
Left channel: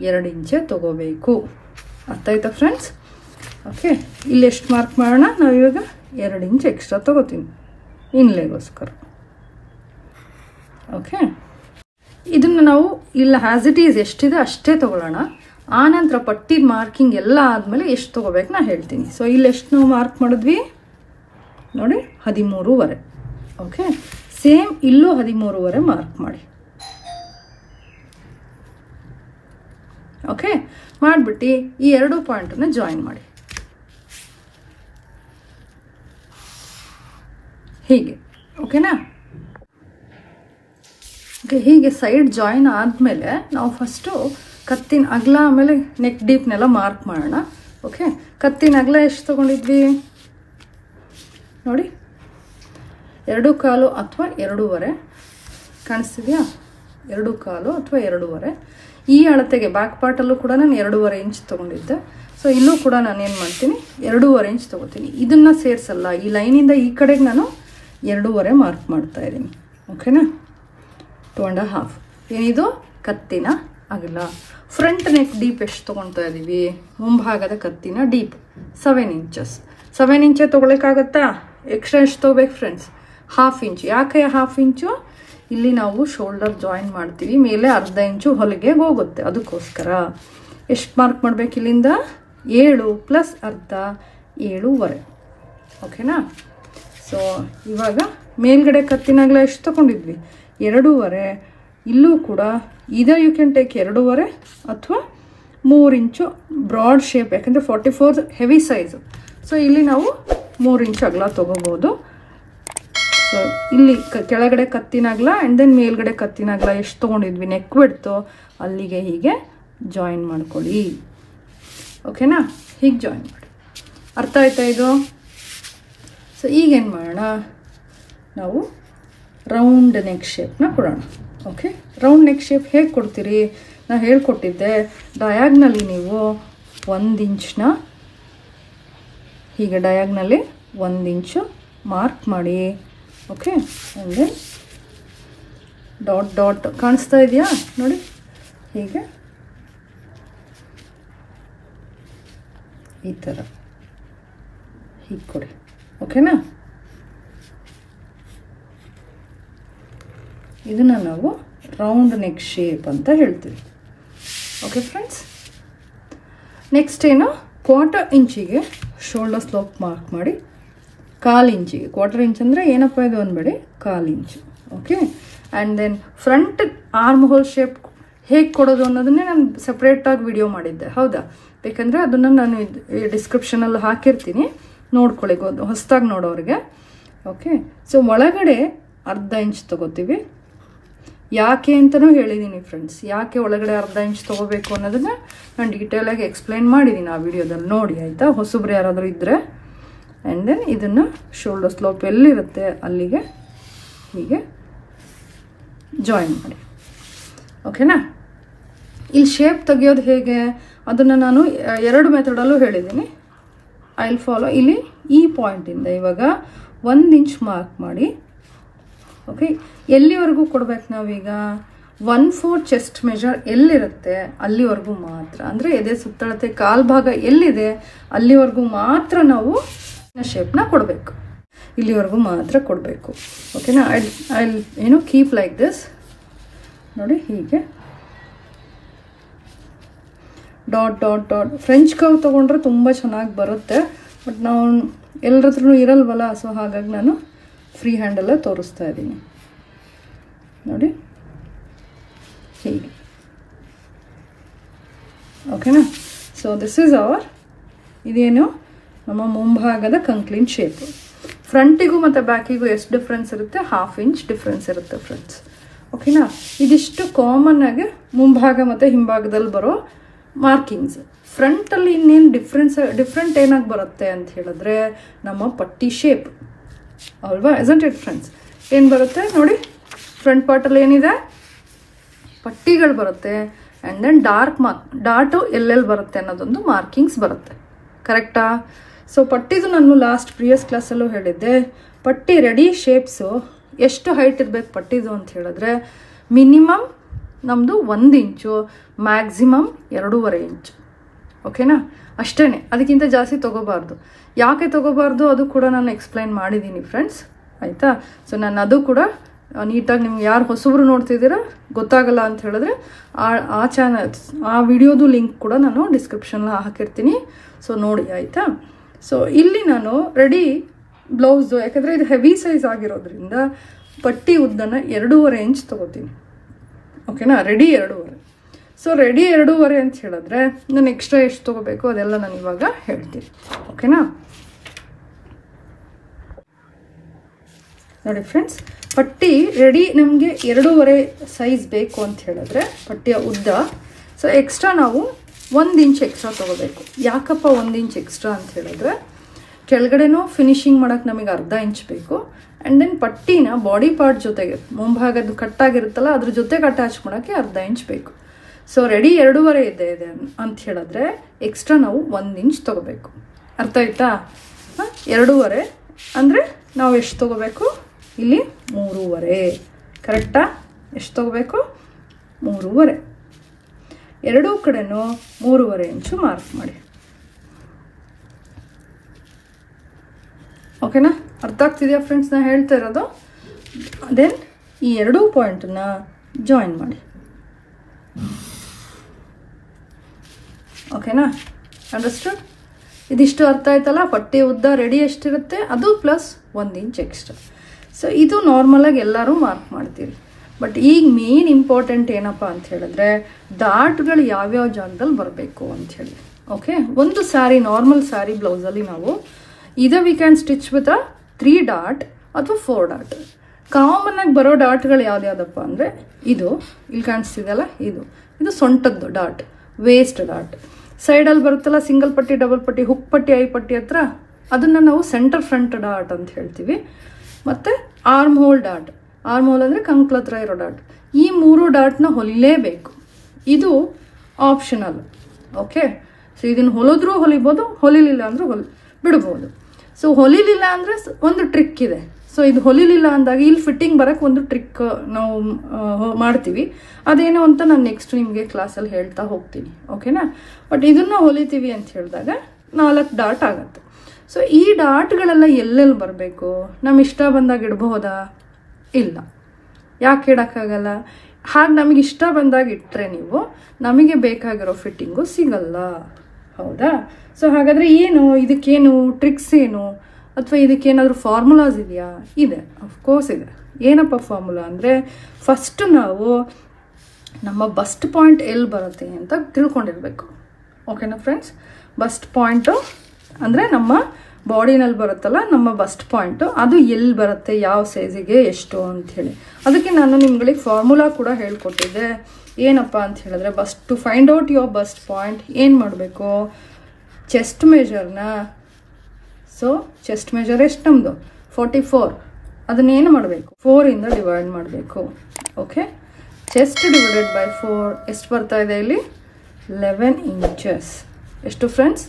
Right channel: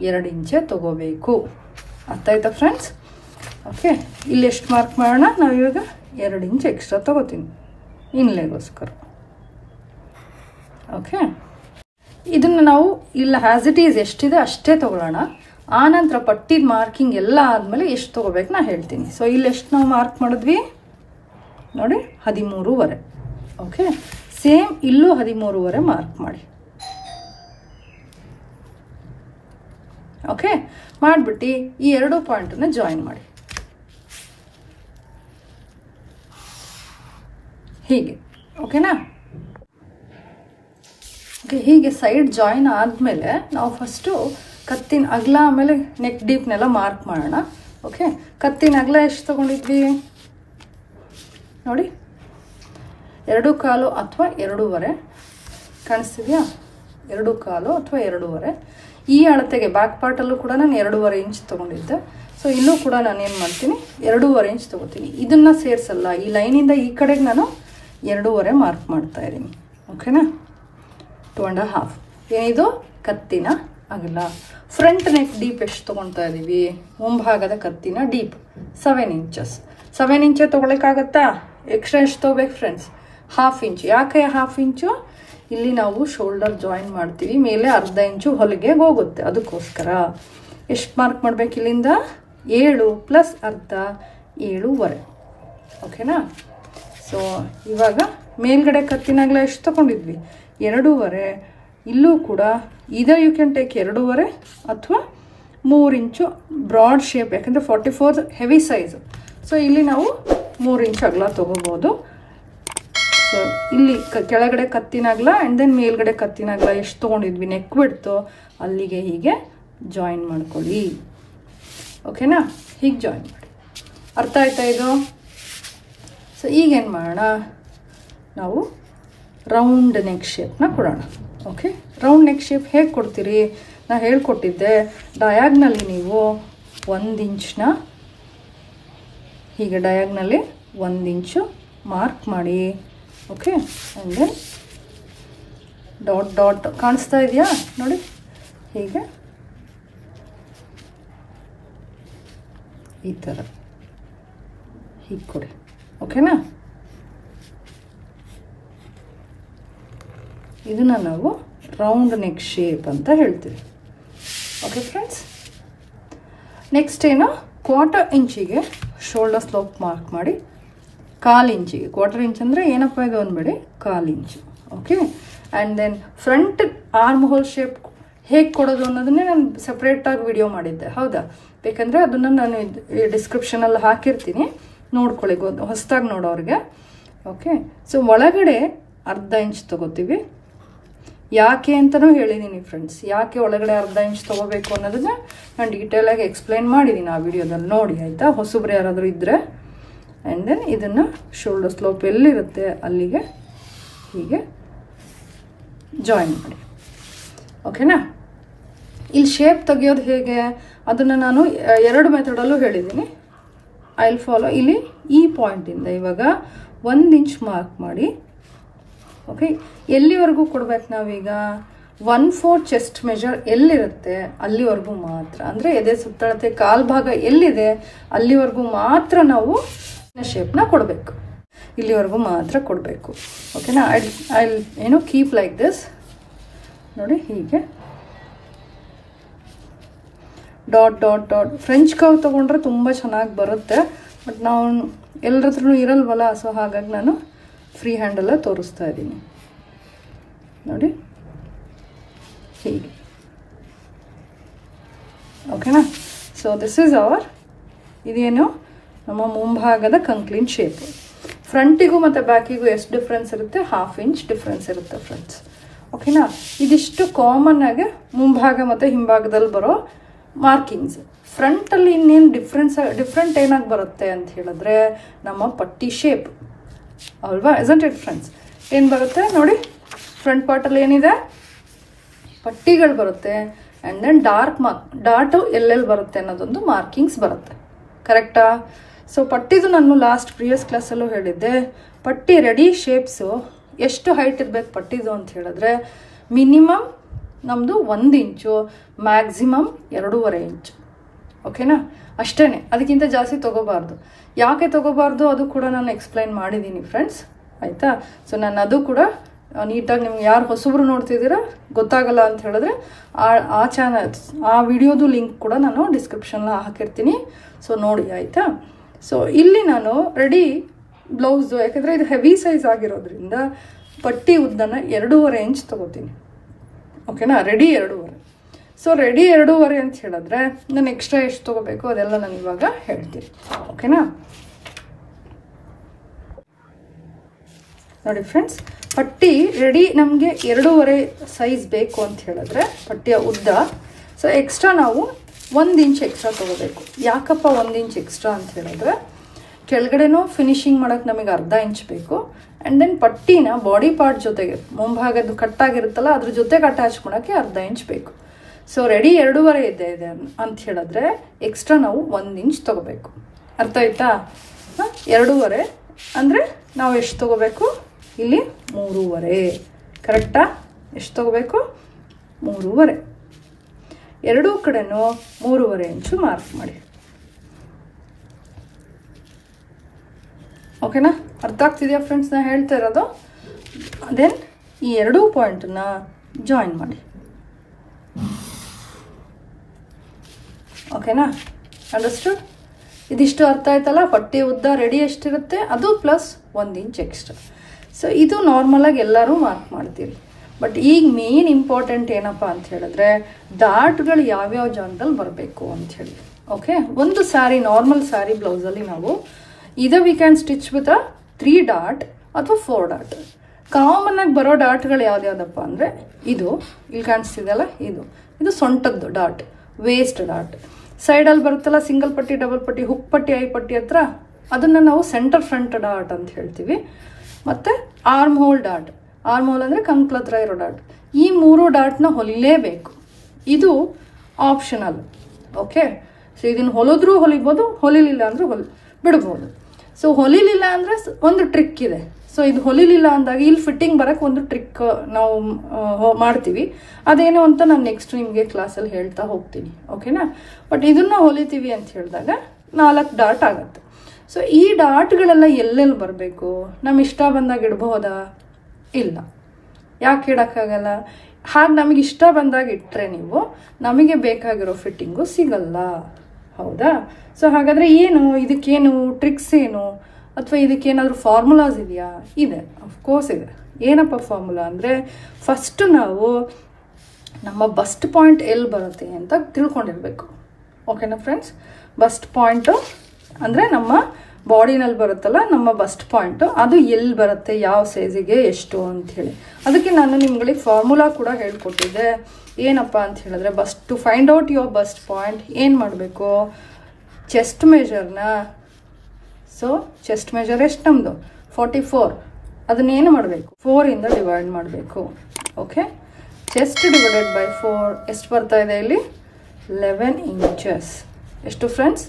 2 ಇಂಚೇ ತೊಗೋಬೇಕು. ಅರ್ಥ ಆಯ್ತಾ ಫ್ರೆಂಡ್ಸ್? ಓಕೆ, ಇಲ್ಲಿ ಎಷ್ಟು ಮಾರ್ಕ್ ಮಾಡೋಣ? ನಾವು ಇವಾಗ 2 ಇಂಚ್ ಎಕ್ಸ್ಟ್ರಾ ತೊಗೋತೀವಿ ಇನ್ಲೇಗೋಸ್ಕರ. ಓಕೆ, ಇದನ್ನು ನಾವು ಇಲ್ಲ ಆಸ್ ಇಟ್ ಈಸ್ ಎಷ್ಟಿದೆ ಅಷ್ಟೇ ತಗೊಳ್ಳೋಣ. ಆನಂತರ ಪಟ್ಟಿದ ಮಾರ್ಕಿಂಗ್ ಎಲ್ಲ ಆದಮೇಲೆ ಎಷ್ಟು ತೊಗೋಬೇಕು ನಾ ಹೇಳ್ತೀನಿ. ಸೊ ಇಲ್ಲಿ ಎಷ್ಟು ನಾವು ಮಾರ್ಕ್ ಮಾಡಿದ್ವಿ ನೋಡಿ? 13.25. ಓಕೆ, ಸೇಮ್ ಇಲ್ಲೂ 13.25 ಮಾರ್ಕ್ ಮಾಡಿ. ಓಕೆ, ಮಾಡಿಬಿಟ್ಟು ಈ 2 ಪಾಯಿಂಟನ್ನು ಜಾಯಿನ್ ಮಾಡಿ ಹೀಗೆ. ಓಕೆನಾ? ಓಕೆ, ಹೀಗೆ ಸೈಡ್ ಜಾಯಿನ್ ಆದಮೇಲೆ ನಾವು ಫಸ್ಟು ಕತ್ತಿನ ಅಗಲ ಆಮೇಲೆ ನೆಕ್ ಡೀಪ್ನೆಲ್ಲ ಮಾರ್ಕ್ ಮಾಡೋಣ. ಓಕೆ, ಕತ್ತಿನ ಅಗಲ ಎಷ್ಟು ತೊಗೊಂಡಿದ್ವಿ ನೋಡಿ? 2.25 ಅಥವಾ 2.25. ಕಾಣಿಸ್ತಿದ್ಯಾ? 2.25 ಅಥವಾ 2.25. ಈ ಅಳತೆಗೆ ಬ್ಯಾಕ್ ಪಾರ್ಟಲ್ಲೂ ಕೂಡ ನಾನು 2.25 ಇಂಚ್ ತೊಗೊಂಡಿದ್ದೆ. ಸೊ ಇಲ್ಲೂ ಕೂಡ ನಾನು ಏನು ಮಾಡ್ತೀನಿ? 2.25 ಇಂಚ್ ತೊಗೋತೀನಿ. ಇದನ್ನು ಸೇರಿಸಲ್ಲ, ಈ ಲೈನಿಂದ ಈ ಕಡೆಗೆ ನಾನು 2.25 ಮಾರ್ಕ್ ಮಾಡ್ತಾ ಇದ್ದೀನಿ. ಓಕೆನಾ? 2.5. ಏನಿದು? ಕತ್ತಿನ ಅಗಲ. ಫ್ರಂಟ್ ನೆಕ್ ಡೀಪ್ ಎಷ್ಟು ತೊಗೊಳ್ತಾ ಇದ್ದೀವಿ? ಮುಂಭಾಗದ ಕತ್ತಿನ ಡೀಪ್ 7 ಇಂಚಸ್. 7 ಇಂಚೇ ತೊಗೊಳಕ್ಕಾಗತ್ತಾ? ಎಕ್ಸ್ಟ್ರಾ ಎಷ್ಟು ತೊಗೋಬೇಕು ಫ್ರೆಂಡ್ಸ್? 1/2 ಇಂಚ್. ಯಾಕೆ 1/2 ಇಂಚು? ಇಲ್ಲಿ ನಾವು ಶೋಲ್ಡರ್ ಜಾಯಿನ್ ಮಾಡ್ತೀವಿ, ಮೇಲೆ ಅರ್ಧ ಇಂಚು ಹೊಲಿಗೆ ಹೋಗುತ್ತೆ, ಅದಕ್ಕೋಸ್ಕರ. ಎಷ್ಟು ಮಾರ್ಕ್ ಮಾಡ್ಬೇಕು ಇಲ್ಲಿಂದ? 7 ಪ್ಲಸ್ ಅರ್ಧ 7.25. ಓಕೆನಾ? ಸೊ ಇವಾಗ ಮೇಲ್ಗಡೆ ಕತ್ತಿನಾಗಲ ಎಷ್ಟು ತೊಗೊಂಡಿದ್ವಿ? 2.25. ಇಲ್ಲೂ ಕೂಡ ಇದರ್ ಯು ಕ್ಯಾನ್ ಟೇಕ್ 2.25 ಅಥವಾ 3 ಇಂಚು ಬ್ರಾಡ್ ಶೇಪ್, ಯಾಕಂದರೆ 44 ಹೆವಿ ಸೈಜು. ಸೊ ಇಲ್ಲಿ ನಾವು 3 ಇಂಚ್ ಅಗಲ ತೊಗೋಬೋದು. ಸೊ ಇಲ್ಲಿ ಕೆಳಗಡೆ ಕತ್ತಿನಾಗಲ ಆ್ಯಂಡ್ ದೆನ್ ಮೇಲ್ಗಡೆ ಕತ್ತಿನಾಗಲ ಎಷ್ಟು ತೊಗೊಂಡಿದ್ವಿ ನೆಕ್ ಬಿಡ್ತು ಅಲ್ಲಿಗೆ ಹೀಗೆ ಜಾಯಿನ್ ಮಾಡ್ಕೊಳ್ಳಿ. ಓಕೆನಾ? ಹೀಗೆ ಜಾಯಿನ್ ಮಾಡಿ. ಅರ್ಥ ಆಯ್ತಾ ಇದು? ಸೊ ಈಗೇನು ಮಾಡೋಣ? ನಾವು ರೌಂಡ್ ನೆಕ್ ಶೇಪ್ನ ಕೊಡೋಣ. ಓಕೆ, ರೌಂಡ್ ನೆಕ್ ಶೇಪ್ ಹೇಗೆ ಕೊಡ್ತೀರಿ? ನಾನು ಹೇಳ್ಕೊಟ್ಟಿದ್ದೆ. ಡಯಾಗ್ನಲ್ಲಿ ನೀವು 1 ಇಂಚ್ನ ಹೀಗೆ ಡಯಾಗ್ನಲ್ಲಿ 1 ಇಂಚು ಮಾರ್ಕ್ ಮಾಡಿ. Okay, and then dot dot ಕಾಣಿಸ್ತಾ ಇದೆಯಾ ನೋಡಿ? ಹೀಗೆ ಈ ಥರ ಹೀಗೆ ಕೊಡಿ. ಓಕೆನಾ? ಇದನ್ನು ನಾವು ರೌಂಡ್ ನೆಕ್ ಶೇಪ್ ಅಂತ ಹೇಳ್ತೀವಿ. ಓಕೆ ಫ್ರೆಂಡ್ಸ್, ನೆಕ್ಸ್ಟ್ ಏನು? 1/4 ಇಂಚಿಗೆ ಶೋಲ್ಡರ್ ಸ್ಲೋಪ್ ಮಾರ್ಕ್ ಮಾಡಿ. 1/4 ಇಂಚಿಗೆ 1/4 ಇಂಚ್ ಅಂದರೆ ಏನಪ್ಪ ಇದು ಅಂದ್ಬೇಡಿ, 1/4 inch. Okay, and then front arm hole shape ಹೇಗೆ ಕೊಡೋದು ಅನ್ನೋದನ್ನೇ ನಾನು ಸಪ್ರೇಟಾಗಿ ವಿಡಿಯೋ ಮಾಡಿದ್ದೆ, ಹೌದಾ? ಬೇಕಂದರೆ ಅದನ್ನು ನಾನು ಡಿಸ್ಕ್ರಿಪ್ಷನಲ್ಲಿ ಹಾಕಿರ್ತೀನಿ, ನೋಡ್ಕೊಳ್ಳಿ ಹೊಸದಾಗಿ ನೋಡೋರಿಗೆ. ಓಕೆ, ಸೊ ಒಳಗಡೆ ಅರ್ಧ ಇಂಚ್ ತೊಗೋತೀವಿ. ಯಾಕೆ ಅಂತಲೂ ಹೇಳಿದ್ದೀನಿ ಫ್ರೆಂಡ್ಸ್, ಯಾಕೆ ಒಳಗಡೆ ಅರ್ಧ ಇಂಚ್ ತೊಗೋಬೇಕು ಅನ್ನೋದನ್ನ ನಾನು ಡೀಟೇಲಾಗಿ ಎಕ್ಸ್ಪ್ಲೈನ್ ಮಾಡಿದ್ದೀನಿ ಆ ವಿಡಿಯೋದಲ್ಲಿ, ನೋಡಿ ಆಯಿತಾ? ಹೊಸಬ್ರು ಯಾರಾದರೂ ಇದ್ದರೆ. ಆ್ಯಂಡ್ ದೆನ್ ಇದನ್ನು ಶೋಲ್ಡರ್ ಸ್ಲೋಪ್ ಎಲ್ಲಿರುತ್ತೆ ಅಲ್ಲಿಗೆ ಹೀಗೆ ಜಾಯಿನ್ ಮಾಡಿ. ಓಕೆನಾ? ಇಲ್ಲಿ ಶೇಪ್ ತೆಗೆಯೋದು ಹೇಗೆ ಅದನ್ನು ನಾನು 2 ಮೆಥಡಲ್ಲೂ ಹೇಳಿದ್ದೀನಿ. I will follow. ಇಲ್ಲಿ ಈ ಪಾಯಿಂಟಿಂದ ಇವಾಗ 1 ಇಂಚ್ ಮಾರ್ಕ್ ಮಾಡಿ. ಓಕೆ, ಎಲ್ಲಿವರೆಗೂ ಕೊಡ್ಬೇಕು ನಾವೀಗ? 1/4 ಚೆಸ್ಟ್ ಮೆಜರ್ ಎಲ್ಲಿರುತ್ತೆ ಅಲ್ಲಿವರೆಗೂ ಮಾತ್ರ, ಅಂದರೆ ಎದೆ ಸುತ್ತಳತೆ ಕಾಲ್ಭಾಗ ಎಲ್ಲಿದೆ ಅಲ್ಲಿವರೆಗೂ ಮಾತ್ರ ನಾವು ಶೇಪ್ನ ಕೊಡಬೇಕು. ಇಲ್ಲಿವರೆಗೂ ಮಾತ್ರ ಕೊಡಬೇಕು. ಓಕೆನಾ? I keep like this. ನೋಡಿ ಹೀಗೆ dot dot dot. French curve ತೊಗೊಂಡ್ರೆ ತುಂಬ ಚೆನ್ನಾಗಿ ಬರುತ್ತೆ, ಬಟ್ ನಾವು ಎಲ್ಲರ ಹತ್ರನೂ ಇರಲ್ವಲ್ಲ, ಸೊ ಹಾಗಾಗಿ ನಾನು ಫ್ರೀ ಹ್ಯಾಂಡಲ್ಲ ತೋರಿಸ್ತಾ ಇದ್ದೀನಿ. ನೋಡಿ ಹೀಗೆ. ಓಕೆನಾ? ಸೊ ದಿಸ್ ಈಸ್ ಅವರ್, ಇದೇನು ನಮ್ಮ ಮುಂಭಾಗದ ಕಂಕ್ಲಿನ್ ಶೇಪ್. ಫ್ರಂಟಿಗೂ ಮತ್ತು ಬ್ಯಾಕಿಗೂ ಎಷ್ಟು ಡಿಫ್ರೆನ್ಸ್ ಇರುತ್ತೆ? 1/2 ಇಂಚ್ ಡಿಫ್ರೆನ್ಸ್ ಇರುತ್ತೆ ಫ್ರೆಂಡ್ಸ್. ಓಕೆನಾ? ಇದಿಷ್ಟು ಕಾಮನ್ ಆಗಿ ಮುಂಭಾಗ ಮತ್ತು ಹಿಂಭಾಗದಲ್ಲಿ ಬರೋ ಮಾರ್ಕಿಂಗ್ಸ್. ಫ್ರಂಟಲ್ಲಿ ಇನ್ನೇನು ಡಿಫ್ರೆಂಟ್ ಏನಾಗಿ ಬರುತ್ತೆ ಅಂತ ಹೇಳಿದ್ರೆ ನಮ್ಮ ಪಟ್ಟಿ ಶೇಪ್ ಅಲ್ವಾ? Isn't it friends? ಏನು ಬರುತ್ತೆ ನೋಡಿ, ಫ್ರಂಟ್ ಪಾರ್ಟಲ್ಲಿ ಏನಿದೆ? ಪಟ್ಟಿಗಳು ಬರುತ್ತೆ. ಆ್ಯಂಡ್ ದೆನ್ ಡಾಟು ಎಲ್ಲೆಲ್ಲಿ ಬರುತ್ತೆ ಅನ್ನೋದೊಂದು ಮಾರ್ಕಿಂಗ್ಸ್ ಬರುತ್ತೆ. ಕರೆಕ್ಟಾ? ಸೊ ಪಟ್ಟಿದು ನಾನು ಲಾಸ್ಟ್ ಪ್ರಿವಿಯಸ್ ಕ್ಲಾಸಲ್ಲೂ ಹೇಳಿದ್ದೆ, ಪಟ್ಟಿ ರೆಡಿ ಶೇಪ್ಸು ಎಷ್ಟು ಹೈಟ್ ಇರಬೇಕು ಪಟ್ಟಿದು ಅಂತ ಹೇಳಿದ್ರೆ ಮಿನಿಮಮ್ ನಮ್ಮದು 1 ಇಂಚು, ಮ್ಯಾಕ್ಸಿಮಮ್ 2.5 ಇಂಚು. ಓಕೆನಾ? ಅಷ್ಟೇ, ಅದಕ್ಕಿಂತ ಜಾಸ್ತಿ ತೊಗೋಬಾರ್ದು. ಯಾಕೆ ತೊಗೋಬಾರ್ದು ಅದು ಕೂಡ ನಾನು ಎಕ್ಸ್ಪ್ಲೈನ್ ಮಾಡಿದ್ದೀನಿ ಫ್ರೆಂಡ್ಸ್, ಆಯಿತಾ? ಸೊ ನಾನು ಅದು ಕೂಡ ನೀಟಾಗಿ ನಿಮ್ಗೆ ಯಾರು ಹೊಸಬ್ರು ನೋಡ್ತಿದ್ದೀರಾ ಗೊತ್ತಾಗಲ್ಲ ಅಂತ ಹೇಳಿದ್ರೆ ಆ ಚಾನಲ್ ಆ ವಿಡಿಯೋದು ಲಿಂಕ್ ಕೂಡ ನಾನು ಡಿಸ್ಕ್ರಿಪ್ಷನ್ನಲ್ಲಿ ಹಾಕಿರ್ತೀನಿ. ಸೊ ನೋಡಿ, ಆಯಿತಾ? ಸೊ ಇಲ್ಲಿ ನಾನು ರೆಡಿ ಬ್ಲೌಸು, ಯಾಕಂದರೆ ಇದು ಹೆವಿ ಸೈಜ್ ಆಗಿರೋದ್ರಿಂದ ಪಟ್ಟಿ ಉದ್ದನ 2.5 ಇಂಚ್ ತೊಗೋತೀನಿ. ಓಕೆನಾ? ರೆಡಿ 2.5. ಸೊ ರೆಡಿ 2.5 ಅಂತ ಹೇಳಿದ್ರೆ ನಾನು ಎಕ್ಸ್ಟ್ರಾ ಎಷ್ಟು ತೊಗೋಬೇಕು ಅದೆಲ್ಲ ನಾನು ಇವಾಗ ಹೇಳ್ತೀನಿ. ಓಕೆನಾ? ನೋಡಿ ಫ್ರೆಂಡ್ಸ್, ಪಟ್ಟಿ ರೆಡಿ ನಮಗೆ 2.5 ಸೈಜ್ ಬೇಕು ಅಂತ ಹೇಳಿದ್ರೆ ಪಟ್ಟಿಯ ಉದ್ದ, ಸೊ ಎಕ್ಸ್ಟ್ರಾ ನಾವು 1 ಇಂಚ್ ಎಕ್ಸ್ಟ್ರಾ ತೊಗೋಬೇಕು. ಯಾಕಪ್ಪ 1 ಇಂಚ್ ಎಕ್ಸ್ಟ್ರಾ ಅಂತ ಹೇಳಿದ್ರೆ ಕೆಳಗಡೆನೂ ಫಿನಿಶಿಂಗ್ ಮಾಡೋಕ್ಕೆ ನಮಗೆ 1/2 ಇಂಚ್ ಬೇಕು. ಆ್ಯಂಡ್ ದೆನ್ ಪಟ್ಟಿನ ಬಾಡಿ ಪಾರ್ಟ್ ಜೊತೆಗೆ ಮುಂಭಾಗದ್ದು ಕಟ್ಟಾಗಿರುತ್ತಲ್ಲ ಅದ್ರ ಜೊತೆಗೆ ಅಟ್ಯಾಚ್ ಮಾಡೋಕ್ಕೆ 1/2 ಇಂಚ್ ಬೇಕು. ಸೊ ರೆಡಿ 2.5 ಇದೆ ಅಂತ ಹೇಳಿದ್ರೆ ಎಕ್ಸ್ಟ್ರಾ ನಾವು 1 ಇಂಚ್ ತೊಗೋಬೇಕು. ಅರ್ಥ ಆಯ್ತಾ? 2.5 ಅಂದರೆ ನಾವು ಎಷ್ಟು ತೊಗೋಬೇಕು? ಇಲ್ಲಿ 3.5. ಕರೆಕ್ಟಾ? ಎಷ್ಟು ತೊಗೋಬೇಕು? 3.5. ಎರಡೂ ಕಡೆನೂ 3.5 ಇಂಚು ಮಾರ್ಕ್ ಮಾಡಿ. ಓಕೆನಾ? ಅರ್ಥ ಆಗ್ತಿದೆಯಾ ಫ್ರೆಂಡ್ಸ್ ನಾನು ಹೇಳ್ತಾ ಇರೋದು? ದೆನ್ ಈ 2 ಪಾಯಿಂಟನ್ನ ಜಾಯಿನ್ ಮಾಡಿ. ಓಕೆನಾ? ಅಂಡರ್ಸ್ಟುಡ್? ಇದಿಷ್ಟು ಅರ್ಥ ಆಯ್ತಲ್ಲ? ಪಟ್ಟಿ ಉದ್ದ ರೆಡಿ ಎಷ್ಟಿರುತ್ತೆ ಅದು ಪ್ಲಸ್ 1 ಇಂಚ್ ಎಕ್ಸ್ಟ್ರಾ. ಸೊ ಇದು ನಾರ್ಮಲಾಗಿ ಎಲ್ಲರೂ ಮಾರ್ಕ್ ಮಾಡ್ತೀವಿ. ಬಟ್ ಈಗ ಮೇನ್ ಇಂಪಾರ್ಟೆಂಟ್ ಏನಪ್ಪ ಅಂತ ಹೇಳಿದ್ರೆ ಡಾಟ್ಗಳು ಯಾವ್ಯಾವ ಜಾಗದಲ್ಲಿ ಬರಬೇಕು ಅಂತ ಹೇಳಿ. ಓಕೆ, ಒಂದು ಸ್ಯಾರಿ ನಾರ್ಮಲ್ ಸ್ಯಾರಿ ಬ್ಲೌಸಲ್ಲಿ ನಾವು ಇದು we can stitch with 3 dot ಅಥವಾ 4 ಡಾಟ್. ಕಾಮನ್ ಆಗಿ ಬರೋ ಡಾಟ್ಗಳು ಯಾವ್ದ್ಯಾವ್ದಪ್ಪ ಅಂದರೆ ಇದು ಇಲ್ಲಿ ಕಾಣಿಸ್ತಿದೆಯಲ್ಲ, ಇದು ಸೊಂಟದ್ದು ಡಾಟ್, ವೇಸ್ಟ್ ಡಾಟ್. ಸೈಡಲ್ಲಿ ಬರುತ್ತಲ್ಲ ಸಿಂಗಲ್ ಪಟ್ಟಿ, ಡಬಲ್ ಪಟ್ಟಿ, ಹುಕ್ ಪಟ್ಟಿ, ಐ ಪಟ್ಟಿ ಹತ್ರ ಅದನ್ನು ನಾವು ಸೆಂಟರ್ ಫ್ರಂಟ್ ಡಾಟ್ ಅಂತ ಹೇಳ್ತೀವಿ. ಮತ್ತು arm hole dot, arm hole ಅಂದರೆ ಕಂಕ್ಲ ಹತ್ರ ಇರೋ ಡಾಟ್. ಈ 3 ಡಾಟ್ನ ಹೊಲಿಲೇಬೇಕು. ಇದು ಆಪ್ಷನಲ್. ಓಕೆ, ಸೊ ಇದನ್ನು ಹೊಲಿದ್ರೂ ಹೊಲಿಬೋದು, ಹೊಲಿಲಿಲ್ಲ ಅಂದರೂ ಬಿಡ್ಬೋದು. ಸೊ ಹೊಲಿಲಿಲ್ಲ ಅಂದರೆ ಒಂದು ಟ್ರಿಕ್ ಇದೆ. ಸೊ ಇದು ಹೊಲಿಲಿಲ್ಲ ಅಂದಾಗ ಇಲ್ಲಿ ಫಿಟ್ಟಿಂಗ್ ಬರೋಕ್ಕೆ ಒಂದು ಟ್ರಿಕ್ ನಾವು ಮಾಡ್ತೀವಿ. ಅದೇನು ಅಂತ ನಾನು ನೆಕ್ಸ್ಟ್ ನಿಮಗೆ ಕ್ಲಾಸಲ್ಲಿ ಹೇಳ್ತಾ ಹೋಗ್ತೀನಿ. ಓಕೆನಾ? ಬಟ್ ಇದನ್ನು ಹೊಲಿತೀವಿ ಅಂತ ಹೇಳಿದಾಗ 4 ಡಾಟ್ ಆಗುತ್ತೆ. ಸೊ ಈ ಡಾಟ್ಗಳೆಲ್ಲ ಎಲ್ಲೆಲ್ಲಿ ಬರಬೇಕು? ನಮ್ಮ ಇಷ್ಟ ಬಂದಾಗ ಇಡಬಹುದಾ? ಇಲ್ಲ. ಯಾಕೆ ಇಡೋಕ್ಕಾಗಲ್ಲ? ಹಾಗೆ ನಮಗೆ ಇಷ್ಟ ಬಂದಾಗ ಇಟ್ಟರೆ ನೀವು ನಮಗೆ ಬೇಕಾಗಿರೋ ಫಿಟ್ಟಿಂಗು ಸಿಗಲ್ಲ. ಹೌದಾ? ಸೊ ಹಾಗಾದರೆ ಏನು ಇದಕ್ಕೇನು ಟ್ರಿಕ್ಸ್ ಏನು, ಅಥವಾ ಇದಕ್ಕೇನಾದರೂ ಫಾರ್ಮುಲಾಸ್ ಇದೆಯಾ? ಇದೆ, ಅಫ್ಕೋರ್ಸ್ ಇದೆ. ಏನಪ್ಪ ಫಾರ್ಮುಲಾ ಅಂದರೆ ಫಸ್ಟ್ ನಾವು ನಮ್ಮ ಬಸ್ಟ್ ಪಾಯಿಂಟ್ ಎಲ್ಲಿ ಬರುತ್ತೆ ಅಂತ ತಿಳ್ಕೊಂಡಿರ್ಬೇಕು. ಓಕೆನಾ ಫ್ರೆಂಡ್ಸ್? ಬಸ್ಟ್ ಪಾಯಿಂಟು ಅಂದರೆ ನಮ್ಮ ಬಾಡಿನಲ್ಲಿ ಬರುತ್ತಲ್ಲ ನಮ್ಮ ಬಸ್ಟ್ ಪಾಯಿಂಟು, ಅದು ಎಲ್ಲಿ ಬರುತ್ತೆ, ಯಾವ ಸೈಜಿಗೆ ಎಷ್ಟು ಅಂಥೇಳಿ. ಅದಕ್ಕೆ ನಾನು ನಿಮ್ಗಳಿಗೆ ಫಾರ್ಮುಲಾ ಕೂಡ ಹೇಳ್ಕೊಟ್ಟಿದ್ದೆ. ಏನಪ್ಪ ಅಂತ ಹೇಳಿದ್ರೆ to find out your bust point ಏನು ಮಾಡಬೇಕು? ಚೆಸ್ಟ್ ಮೆಜರ್ನ, ಸೊ ಚೆಸ್ಟ್ ಮೆಜರ್ ಎಷ್ಟು ನಮ್ಮದು 44, ಅದನ್ನೇನು ಮಾಡಬೇಕು, 4 ಇಂದ ಡಿವೈಡ್ ಮಾಡಬೇಕು. ಓಕೆ, ಚೆಸ್ಟ್ ಡಿವೈಡೆಡ್ ಬೈ 4 ಎಷ್ಟು ಬರ್ತಾ ಇದೆ ಇಲ್ಲಿ? 11 ಇಂಚಸ್. ಎಷ್ಟು ಫ್ರೆಂಡ್ಸ್?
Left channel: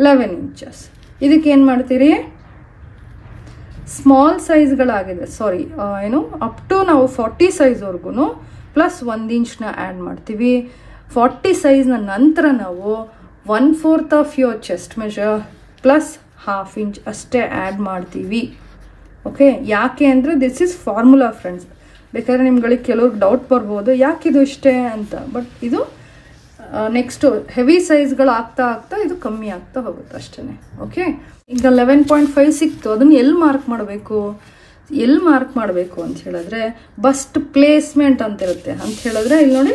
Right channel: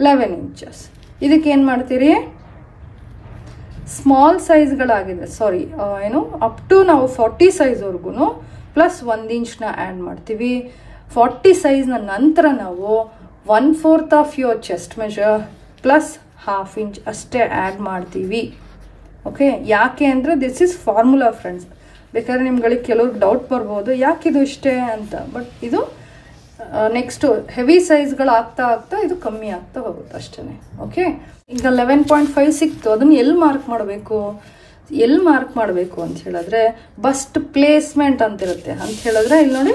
11 ಇಂಚಸ್. ಇದಕ್ಕೆ ಏನು ಮಾಡ್ತೀರಿ? ಸ್ಮಾಲ್ ಸೈಜ್ಗಳಾಗಿದೆ, ಸಾರಿ ಏನು ಅಪ್ ಟು ನಾವು 40 ಸೈಜ್ವರೆಗೂ ಪ್ಲಸ್ 1 ಇಂಚ್ನ ಆ್ಯಡ್ ಮಾಡ್ತೀವಿ. 40 ಸೈಜ್ನ ನಂತರ ನಾವು 1/4 of your chest measure plus 1/2 inch ಅಷ್ಟೇ ಆ್ಯಡ್ ಮಾಡ್ತೀವಿ. ಓಕೆ, ಯಾಕೆ ಅಂದರೆ ದಿಸ್ ಇಸ್ ಫಾರ್ಮುಲಾ ಫ್ರೆಂಡ್ಸ್. ಬೇಕಾದ್ರೆ ನಿಮ್ಗಳಿಗೆ ಕೆಲವ್ರಿಗೆ ಡೌಟ್ ಬರ್ಬೋದು ಯಾಕಿದು ಇಷ್ಟೇ ಅಂತ. ಬಟ್ ಇದು ನೆಕ್ಸ್ಟ್ ಹೆವಿ ಸೈಜ್ಗಳು ಆಗ್ತಾ ಆಗ್ತಾ ಇದು ಕಮ್ಮಿ ಆಗ್ತಾ ಹೋಗುತ್ತೆ ಅಷ್ಟೇ. ಓಕೆ, ಈಗ 11.5 ಸಿಕ್ತು. ಅದನ್ನ ಎಲ್ಲಿ ಮಾರ್ಕ್ ಮಾಡಬೇಕು ಅಂತ ಹೇಳಿದ್ರೆ ಬಸ್ಟ್ ಪ್ಲೇಸ್ಮೆಂಟ್ ಅಂತ ಇರುತ್ತೆ. ಅಂತ ಹೇಳಿದ್ರೆ ಇಲ್ಲಿ ನೋಡಿ,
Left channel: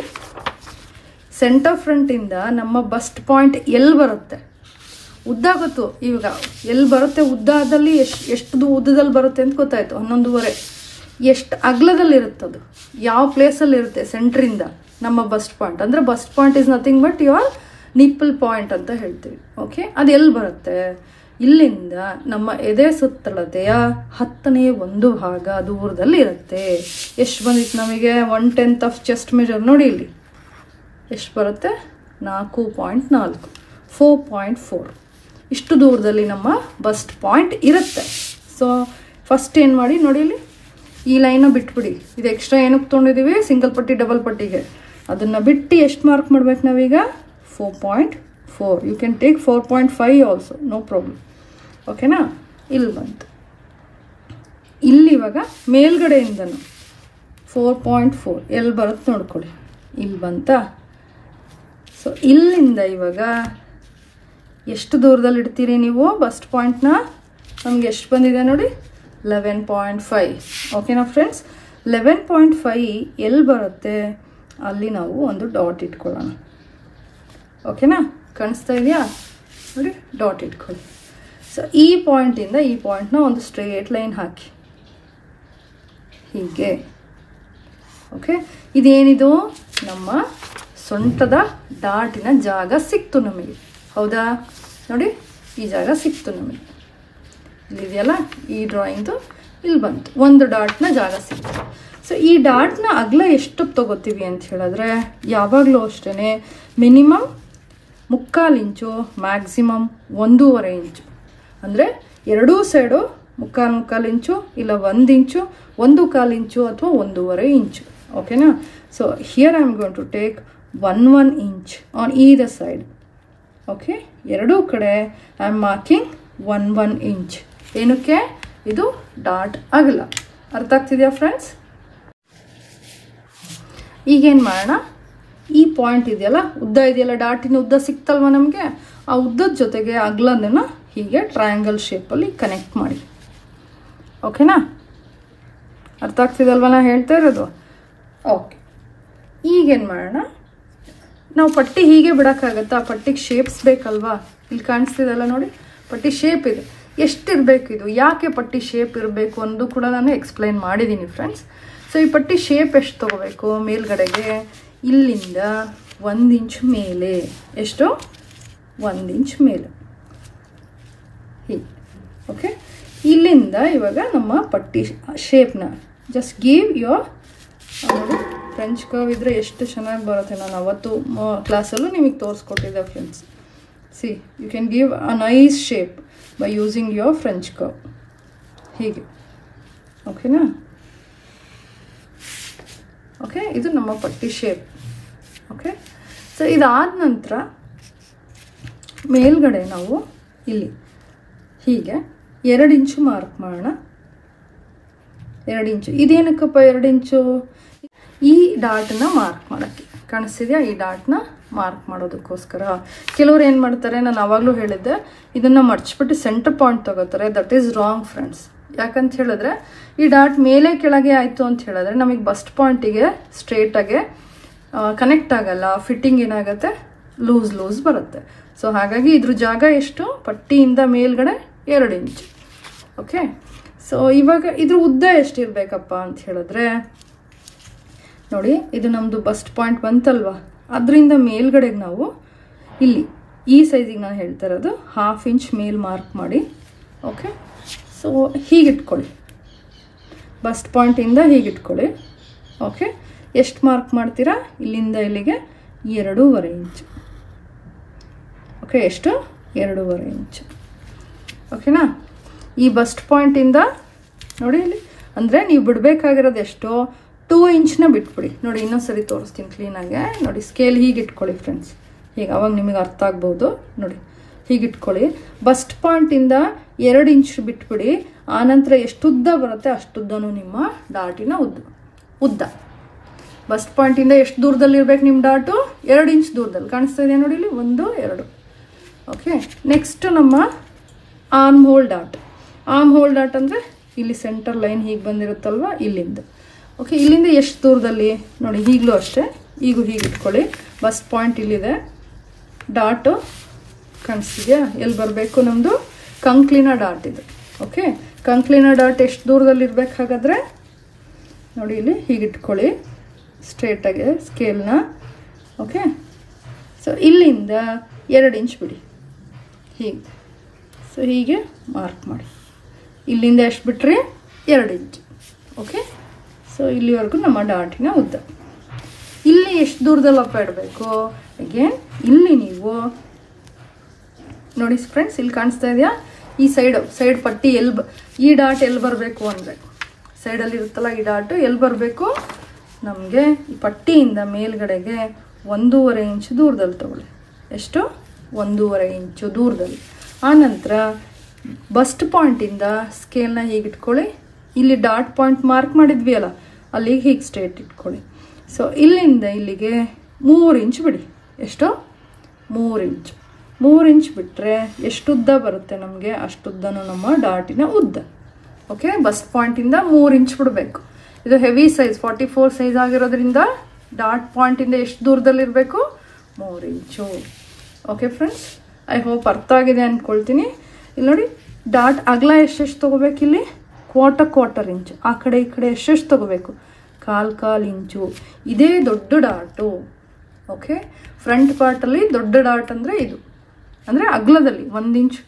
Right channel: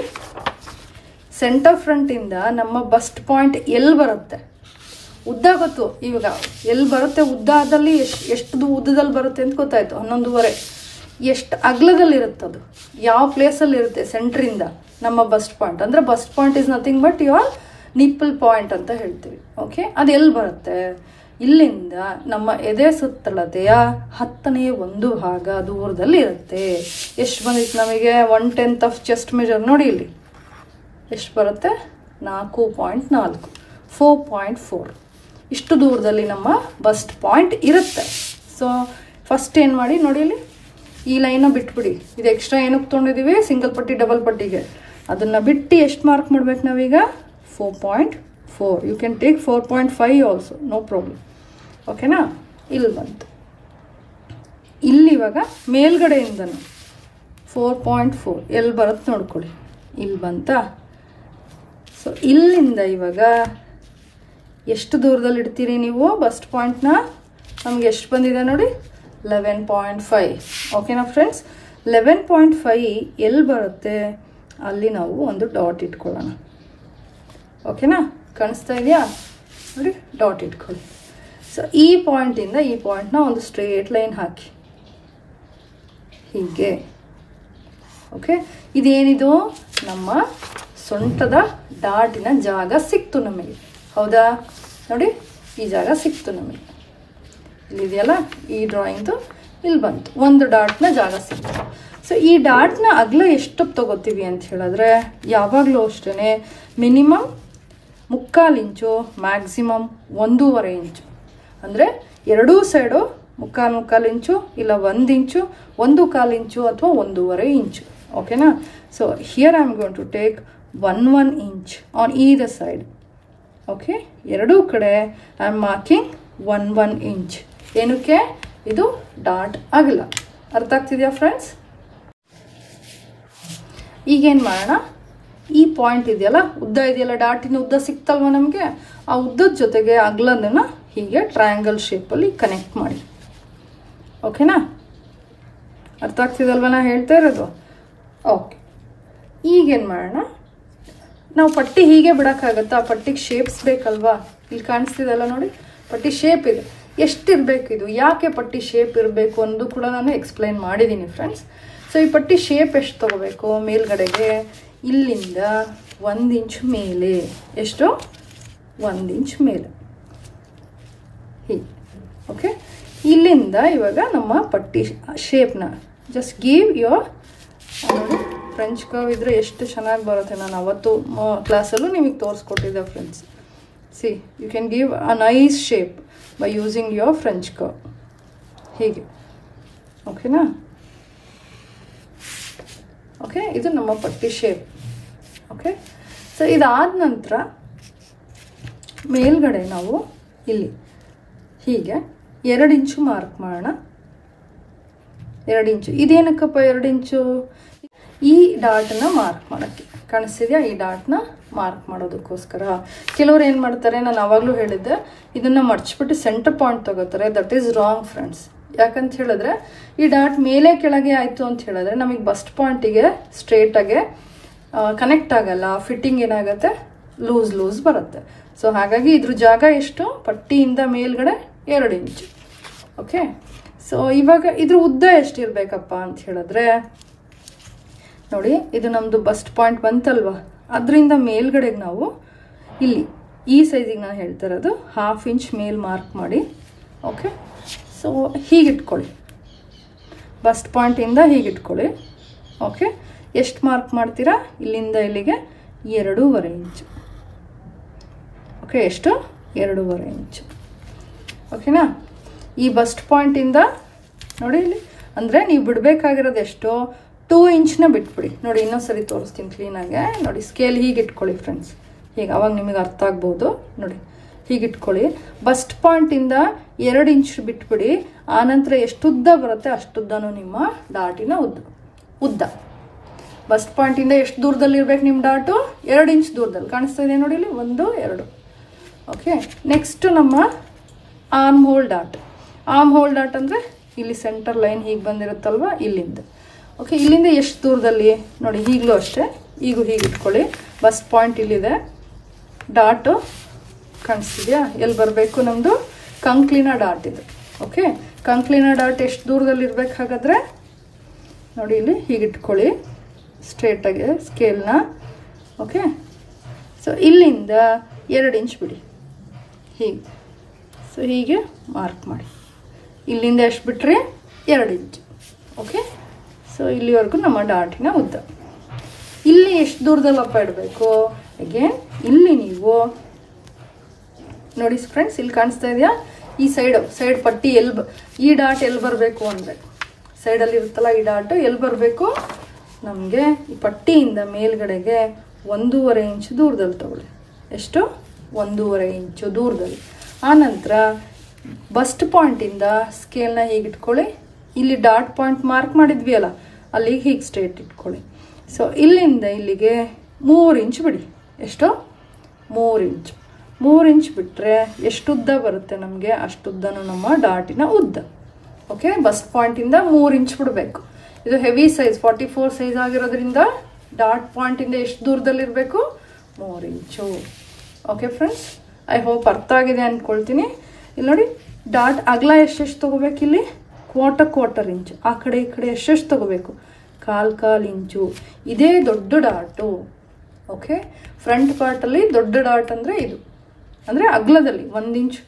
ಸೆಂಟರ್ ಫ್ರಂಟ್ ಇಂದ ನಮ್ಮ ಬಸ್ಟ್ ಪಾಯಿಂಟ್ ಎಲ್ಲಿ ಬರುತ್ತೆ, ಉದ್ದ ಗೊತ್ತು ಇವಾಗ ಎಲ್ಲಿ ಬರುತ್ತೆ, ಉದ್ದದಲ್ಲಿ ಎಷ್ಟು ಉದ್ದದಲ್ಲಿ ಬರುತ್ತೆ ಅಂತ ಗೊತ್ತಾಯ್ತು. 11.5 ಎಷ್ಟು ಅಗಲದಲ್ಲಿ ಇರುತ್ತೆ, ಅದು ಯಾವ ಪ್ಲೇಸಲ್ಲಿ ಇರುತ್ತೆ ಸೆಂಟ್ರಿಂದ ನಮ್ಮ ಬಸ್ಟ್ ಪಾಯಿಂಟ್. ಅಂದರೆ bust point is nothing but your nipple point ಅಂತ ಹೇಳ್ತೀವಿ. ಓಕೆ, ಅದು ಎಲ್ಲಿ ಬರುತ್ತೆ? ಇಲ್ಲಿಂದ ನಮ್ಮ ಎದೆ ಸುತ್ತಳತೆಯ 10ನೇ ಭಾಗ ದೂರದಲ್ಲಿ ಇರುತ್ತೆ. ಎಷ್ಟು ಬಂದಿತ್ತು ನಮಗೆ? 1/10 ಆಫ್ ಚೆಸ್ಟ್ ಮೆಜರ್. ನೋಡಿ ಇಲ್ಲಿ ಎಷ್ಟು ಬರುತ್ತೆ? 4.4, 4.4 ಇಷ್ಟು ದೂರದಲ್ಲಿ ನಮ್ಮ ಬಸ್ಟ್ ಪಾಯಿಂಟ್ ಇರುತ್ತೆ. ಸೊ ಫಸ್ಟ್ ಏನು ಮಾಡಿ ನೋಡಿ, ಇಲ್ಲಿ ಈ ಲೈನ ಬಿಟ್ಬಿಡಿ. ಇದು ಎಕ್ಸ್ಟ್ರಾ ಏನಕ್ಕೆ ತೊಗೊಂಡಿದ್ದೀವಿ? ಸಿಂಗಲ್ ಪಟ್ಟಿ ಡಬಲ್ ಪಟ್ಟಿಗೆ. ಅದನ್ನು ಬಿಟ್ಟು ಎಷ್ಟು ಮಾರ್ಕ್ ಮಾಡ್ಬೇಕು ನಾವೀಗ? 4.4. You can take 4.5 also, no problem. ಓಕೆನಾ? ಇಲ್ಲಿ ಬಂತು. ಇಲ್ಲಿ ಇವಾಗ ಮೇಲ್ಗಡೆಯಿಂದನು 4.4 ಎಲ್ಲಿ ಬರುತ್ತೆ ನೋಡ್ಕೊಳ್ಳಿ. ಇಲ್ಲಿ ಬಂತಾ? ಸೊ ಇಲ್ಲಿಂದ ಇವಾಗ ಎಷ್ಟು ದೂರದಲ್ಲಿ ಇಡ್ತೀರಿ ನೀವು ಬಸ್ಟ್ ಪಾಯಿಂಟ್ನ? ನಮ್ಗೆ ಎಷ್ಟು ಬಂದಿದೆ ನೋಡಿ, 11.5. ಓಕೆನಾ ಫ್ರೆಂಡ್ಸ್? 11.5 ಎಲ್ಲಿ ಬರುತ್ತೆ ಅಲ್ಲಿ ನಾವು ಒಂದು ಡಾಟ್ ಇಟ್ಕೊಳ್ಳೋಣ. ಓಕೆನಾ? ಕಾಣಿಸ್ತಾ ಇದೆಯಾ ನೋಡಿ, ಡಾಟ್ ಇಟ್ಕೊಳ್ಳಿ. ಸೊ ಈ ಪಾಯಿಂಟಿಂದ ಈ ಪಾಯಿಂಟ್ನ ಒಂದು ಸ್ಟ್ರೇಟ್ ಲೈನ್ ಹಾಕಿ ಹೀಗೆ. ಓಕೆ, ಇದೇನಿದು? ನಮ್ಮ ಸೊಂಟದ ಡಾಟಿನ ಜಾಗ ಸಿಕ್ತು ನಮಗೆ. ಹೌದಾ? ನೋಡಿ, ಈ ಜಾಗ ಸಿಕ್ತು ನಮಗೆ. ಇಲ್ಲಿದೆಯಲ್ಲ ಈ ಡ್ರಾಯಿಂಗ್ದು, ಇಲ್ಲಿ ಬಂತು ಒಂದು ಡಾಟ್ನ ಜಾಗ ಸಿಕ್ತು. ಸೊ ಈ ಡಾಟ್ನ ಅಗಲ ಎಷ್ಟು ತಗೋತೀವಿ ಅಂತ ಹೇಳಿದ್ರೆ ಯಾವಾಗಲೂ ಅಷ್ಟೇ ಮಿನಿಮಮ್ 3/4 ಇಂಚು, ಮ್ಯಾಕ್ಸಿಮಮ್ 1.5 ಇಂಚು. ಅಂದರೆ ಎರಡೂ ಸೈಡು 3/4 ಇಂಚು, ಇಲ್ಲ 1 ಇಂಚು, 1/4 ಇಂಚು ಅಥವಾ 1.5 ಇಂಚು. ಓಕೆನಾ? So here I am going to take 1 inch on either side. Okay, ಎರಡೂ ಕಡೆ ಐ ಆಮ್ ಮಾರ್ಕಿಂಗ್ 1 ಇಂಚ್. ಏನಕ್ಕೆ? ಇದು ಡಾಟ್ ಅಗಲ. ಅರ್ಥ ಆಗ್ತಿದೆಯಾ ಫ್ರೆಂಡ್ಸ್? ಈಗೇನು ಮಾಡೋಣ, ಈ ಪಾಯಿಂಟ್ ಇದೆಯಲ್ಲ, ಉದ್ದ ಇದೆಯಲ್ಲ, ಡಾಟಿನ ಉದ್ದ ಸಿಕ್ತಲ್ವ ನಮಗೆ, ಆ ಉದ್ದದ ಜೊತೆಗೆ ಅಗಲನ ಹೀಗೆ ಟ್ರಯಾಂಗಲ್ ಶೇಪಲ್ಲಿ ಕನೆಕ್ಟ್ ಮಾಡಿ. ಓಕೆನಾ? ಅರ್ಥ ಆಗ್ತಿದಲ್ವ ನಾ ಹೇಳ್ತಾ ಇರೋದು? ಓಕೆ, ಈಗೇನು ಮಾಡೋಣ, ನಾವು ಪಟ್ಟಿ ಹೀಗೆ ಬಿಡೋಕ್ಕಾಗತ್ತಾ? ಪಟ್ಟಿಗೆ ಶೇಪ್ಸ್ ಬೇಕಲ್ವಾ? ಇಲ್ಲಿ ಕಾಣಿಸ್ತಿದೆಲ್ಲ ನೋಡಿ, ಪಟ್ಟಿ ಶೇಪ್ ಇದೆ. ಎಷ್ಟಿರಬೇಕು ಇದು? ಯಾಕೆ ಪಟ್ಟಿ ಶೇಪ್ ಇರಬೇಕು ಅನ್ನೋದು ಕೂಡ ನಾನು ಎಕ್ಸ್ಪ್ಲೈನ್ ಮಾಡಿದ್ದೀನಿ ಫ್ರೆಂಡ್ಸ್. ಸೊ ಈ ಪಟ್ಟಿ ಶೇಪ್ ಎಷ್ಟು ತಗೋಬೇಕು? ಮೇಲ್ಗಡೆಗೆ ಇಲ್ಲಿಂದ 1 ಇಂಚ್ ಮೇಲೆ. ಎಷ್ಟು? 1 ಇಂಚ್ ಮೇಲೆ ಹೀಗೆ. ಓಕೆ, ಇಲ್ಲಿಂದ ಇವಾಗ ನಮ್ಮ ಪಟ್ಟಿ ಶೇಪ್ನ ಜಸ್ಟ್ ಗಿವ್ ಯುವರ್ ನೋಡಿ. ಫ್ರೆಂಚ್ ಕರ್ವ್ ಇದ್ರೆ ಎಷ್ಟು ಚೆನ್ನಾಗಿ ಬರುತ್ತೆ. ನಾನು ಅವತ್ತು ಕ್ಲಾಸಲ್ಲೂ ನಿಮಗೆ ತೋರಿಸ್ಕೊಟ್ಟಿದ್ದೆ friends. See, you can give a nice shape by using your French curve ಹೀಗೆ. ಓಕೆನಾ? ಓಕೆ, ಇದು ನಮ್ಮ ಪಟ್ಟಿ ಶೇಪ್. ಓಕೆ, ಸೊ ಇದಾದ ನಂತರ ಮೇಲ್ಗಡೆ ನಾವು ಇಲ್ಲಿ ಹೀಗೆ 2 ಇಂಚು ಮಾರ್ಕ್ ಮಾಡೋಣ. 2 ಇಂಚು ಇದೇನಕ್ಕಪ್ಪ 2 ಇಂಚು? ಈ ಡಾಟ್ನ ಮಾರ್ಕ್ ಮಾಡೋಕ್ಕೆ. ಕಾಣಿಸ್ತಿದೆಯಾ? ಈ ಡಾಟ್ನ ಮಾರ್ಕ್ ಮಾಡೋದಕ್ಕೋಸ್ಕರ. ಕೆಲವ್ರು ಏನು ಮಾಡ್ತಾರೆ, ನಾನು ಆವಾಗಲೂ ಹೇಳಿದ್ದೆ, ಇದನ್ನು ಮಡ್ಚ್ಬಿಟ್ಟು ಸೆಂಟರ್ ಪಾಯಿಂಟ್ ತಗೋತಾರೆ. That is wrong friends. ಯಾಕಂತ ಹೇಳಿದ್ರೆ ಈ ಡಾಟ್ ಮೇಲೆ ಕೆಳಗೆ ಆಯಿತು ಅಂತ ಹೇಳಿದ್ರೆ ನಮಗೆ ಬಸ್ಟ್ ಪಾಯಿಂಟಿಗೆ ಸ್ಟ್ರೇಟಾಗೆ ಕನೆಕ್ಟ್ ಆಗಲ್ಲ. ಫಿಟ್ಟಿಂಗ್ ಏನಾಗುತ್ತೆ? ಲೂಸ್ ಬರುತ್ತೆ. ಸೊ ಹಾಗಾಗಿ ಇದ್ರ ಜಾಗ ಎಷ್ಟು? ಪಟ್ಟಿಯಿಂದ ಮೇಲ್ಗಡೆ 2 ಇಂಚು. ಓಕೆ, ಸೊ ಇವಾಗ ಇದ್ರ ಉದ್ದ ಎಷ್ಟಿರಬೇಕಪ್ಪ ಅಂತ ಹೇಳಿದ್ರೆ ನೋಡಿ, ಇದು ನಮ್ಮದು ಬಸ್ಟ್ ಪಾಯಿಂಟ್ ಬಂತಲ್ವಾ, ಅದರಿಂದ ಮೇಲ್ಗಡೆಗೆ ನಾವು ಇಲ್ಲಿ ಈ ಸೈಜಿಗೆ ನಾನು ಹೇಳ್ತಾ ಇರೋದು 1/2 ಇಂಚ್ ಮೇಲ್ ಮಾರ್ಕ್ ಮಾಡಿ. ಓಕೆ, ಸೊ ಹೀಗಿಟ್ಕೊಳ್ಳಿ. ಬಸ್ಟ್ ಪಾಯಿಂಟಿಂದ ಹೀಗೆ ಇಟ್ಕೊಳ್ಳಿ. ಓಕೆ, ಎಷ್ಟು ಮಾರ್ಕ್ ಮಾಡ್ತೀರಾ? ಇಲ್ಲಿಂದ ಇಲ್ಲಿಗೆ 2.5 ಇಂಚು. ಓಕೆ, ಎಷ್ಟು? 2.5 ಇಂಚು. ಓಕೆನಾ? ಈ ಬಸ್ಟ್ ಪಾಯಿಂಟಿಂದ ನೋಡಿ ಇಲ್ಲಿ, ಅಂದರೆ ನೀವು ಬಿಡಬೇಕಾಗಿರೋದು ಎಷ್ಟು? 2 ಇಂಚ್ನ ಬಿಟ್ಬಿಡಿ. ನೋಡಿ, ಇನ್ನೊಂದ್ಸರಿ ತೋರಿಸ್ತೀನಿ ಕ್ಲೀನಾಗೆ. ನೋಡಿ, ಸ್ಕೇಲ್ ಹೀಗೆ ಇಟ್ಕೊಳ್ಳಿ ಫ್ರೆಂಡ್ಸ್, ಹೀಗೆ, ಅವಾಗ ನಿಮಗೆ ಅರ್ಥ ಆಗ್ಬೋದು. ನೋಡಿ, ಹೀಗೆ ಇಟ್ಕೊಳ್ಳಿ. ಬಸ್ಟ್ ಪಾಯಿಂಟಿಂದ 2 ಇಂಚ್ ಬಿಟ್ಬಿಡಿ. ಆನಂತರ ಎಷ್ಟು ಉದ್ದ ಬರುತ್ತೆ ಅಷ್ಟುದ್ದನೂ ನಿಮ್ಮ ಡಾಟಿನ ಉದ್ದ. ಬಸ್ಟ್ ಪಾಯಿಂಟಿಂದ ಎಷ್ಟು ದೂರದಲ್ಲಿ ಇರ್ಬೇಕು ನಿಮ್ಮ ಡಾಟು? 2 ಇಂಚ್ ದೂರದಲ್ಲಿ ಕಾಣಿಸ್ತಾ ಇದೆ ನೋಡಿ ಇಲ್ಲಿ, 1 2. ಓಕೆ, ನೆಕ್ಸ್ಟ್ ನಮ್ಮ arm hole dot. Arm hole dot ಅಂದರೆ ಇಲ್ಲಿ ಸೆಂಟರ್ ಲೈನ್ ಹೀಗೆ ಬಂದಿರುತ್ತಲ್ವ, ಇಲ್ಲಿಂದ. ಓಕೆ, ಇಲ್ಲಿಂದ ಎಷ್ಟು ದೂರದಲ್ಲಿ ನೋಡಿ, ಈಗಲೂ ಅಷ್ಟೇ, ಈಗ ಹೀಗೆ ಇಟ್ಕೊಳ್ಳಿ. ಬಸ್ಟ್ ಪಾಯಿಂಟ್ ಇಲ್ಲಿದೆ, ಡಾಟು ಕಾಣಿಸ್ತಿದ್ಯಾ? ಎಲ್ಲಿ ಬರಬೇಕು? ನಮ್ಮದು ಕಂಕ್ಲಿನ ಡಾಟ್ ಇದು. ಓಕೆ, ಕಂಕ್ಲಿನ ಡಾಟ್ ಎಷ್ಟು ದೂರದಲ್ಲಿ ಇರ್ಬೇಕು ಹಾಗಾದರೆ? ನೋಡಿ ಇಲ್ಲಿ ಹೀಗೆ ಇಟ್ಕೊಳ್ಳಿ ಸ್ಟ್ರೇಟಾಗಿ ಸ್ಕೇಲ್ನ. ಓಕೆ, ಸೊ ಇಲ್ಲಿಂದ 2 ಇಂಚ್ ಬಿಡಿ ಹೀಗೆ. ಸೊ ಹೀಗೆ ಮಾರ್ಕ್ ಮಾಡಿ. ಇಲ್ಲಿಂದ ಎಷ್ಟು ಬಿಟ್ರಿ? 2 ಇಂಚ್. ಓಕೆ, ಸೊ ಇಲ್ಲಿವರೆಗೂ ನಮ್ಮ ಡಾಟಿನ ಉದ್ದ. ಇಲ್ಲಿ ಎಷ್ಟು ದೂರದಲ್ಲಪ್ಪ ಇಡಬೇಕು? ಅಗೇನ್ ಇಲ್ಲಿ ನೀವು ನೋಡಿ ಫ್ರೆಂಡ್ಸ್, ಇಲ್ಲಿ ಕಾಣಿಸ್ತಾ ಇದೆಯಾ? ಈ ಸೈಡ್ ಪಟ್ಟಿ ಈ ಡಾಟ್ ಎಲ್ಲಿ ಬರಬೇಕು ಅಂದರೆ, ಸೈಡಲ್ಲಿ ಇರುತ್ತಲ್ಲ ಈ ಡಾಟ್ ಎಲ್ಲಿ ಬರಬೇಕು? ನಮಗೆ ಈ ಪಟ್ಟಿಯಿಂದ ಮೇಲ್ಗಡೆಗೆ 1.5 ಇಂಚು ದೂರದಲ್ಲಿ ತಗೊಳ್ಳಿ. ಎಷ್ಟು? 1.5 ಇಂಚು ದೂರದಲ್ಲಿ. ಆನಂತರ ಬಸ್ಟ್ ಪಾಯಿಂಟಿಂದ ಸ್ಕೇಲ್ನ ಹೀಗೆ ಇಟ್ಕೊಳ್ಳಿ. ಇಲ್ಲಿ ಡಾಟ್ ಪಾಯಿಂಟ್ ಮಾರ್ಕ್ ಮಾಡಿದ್ವಿ ಅಲ್ಲ, ಅಲ್ಲಿಗೆ ಹೀಗೆ ಸ್ಟ್ರೇಟ್ ಇಟ್ಕೊಳ್ಳಿ. ಸೊ ಇಲ್ಲಿಂದ ಇಲ್ಲಿಗೆ 3 ಇಂಚ್ ಬಿಡಿ. ಎಷ್ಟು? 3 ಇಂಚು. 3 ಇಂಚ್ ಬಿಟ್ಟರೆ ಎಷ್ಟು ಉದ್ದ ಬರುತ್ತೆ ನಮಗೆ? ಅಷ್ಟುದ್ದನೂ ನಮ್ಮ ಡಾಟಿನ ಉದ್ದ. ಓಕೆ, ಬಸ್ಟ್ ಪಾಯಿಂಟಿಂದ 3 ಇಂಚ್ ಬಿಡಬೇಕು. ಇದು ಹೆವಿ ಸೈಜ್ 44 ಸೈಜ್ ಆಗಿರೋದ್ರಿಂದ ಡಾಟ್ ಪಾಯಿಂಟಿಂದ ಎಷ್ಟು ದೂರದಲ್ಲಿರಬೇಕು? 3 ಇಂಚು. ಓಕೆ ಫ್ರೆಂಡ್ಸ್, ಐ ಹೋಪ್ ಅರ್ಥ ಆಗಿದೆ ಅಂದ್ಕೊಳ್ತೀನಿ. ಇಲ್ಲಿ ನೋಡಿ, ಡಾಟ್ ಅಗಲ ಎಷ್ಟೆಷ್ಟು ತೊಗೋಬೇಕು? ಇಲ್ಲಿ ಕ್ವಾರ್ಟರ್ ಇಂಚು. ಆ ಕಡೆ ಈ ಕಡೆ ಎಷ್ಟೆಷ್ಟು ತೊಗೋಬೇಕು? 1/4 ಇಂಚು. ಇದೇ ದೊಡ್ಡ ಡಾಟು. ಓಕೆ, ಫ್ರಂಟ್ ಪಾರ್ಟಲ್ಲಿ ದೊಡ್ಡ ಡಾಟ್ ಅಂದರೆ ಇದು, ಅಂದರೆ ಅಗ್ಲದಲ್ಲಿ 1 ಇಂಚ್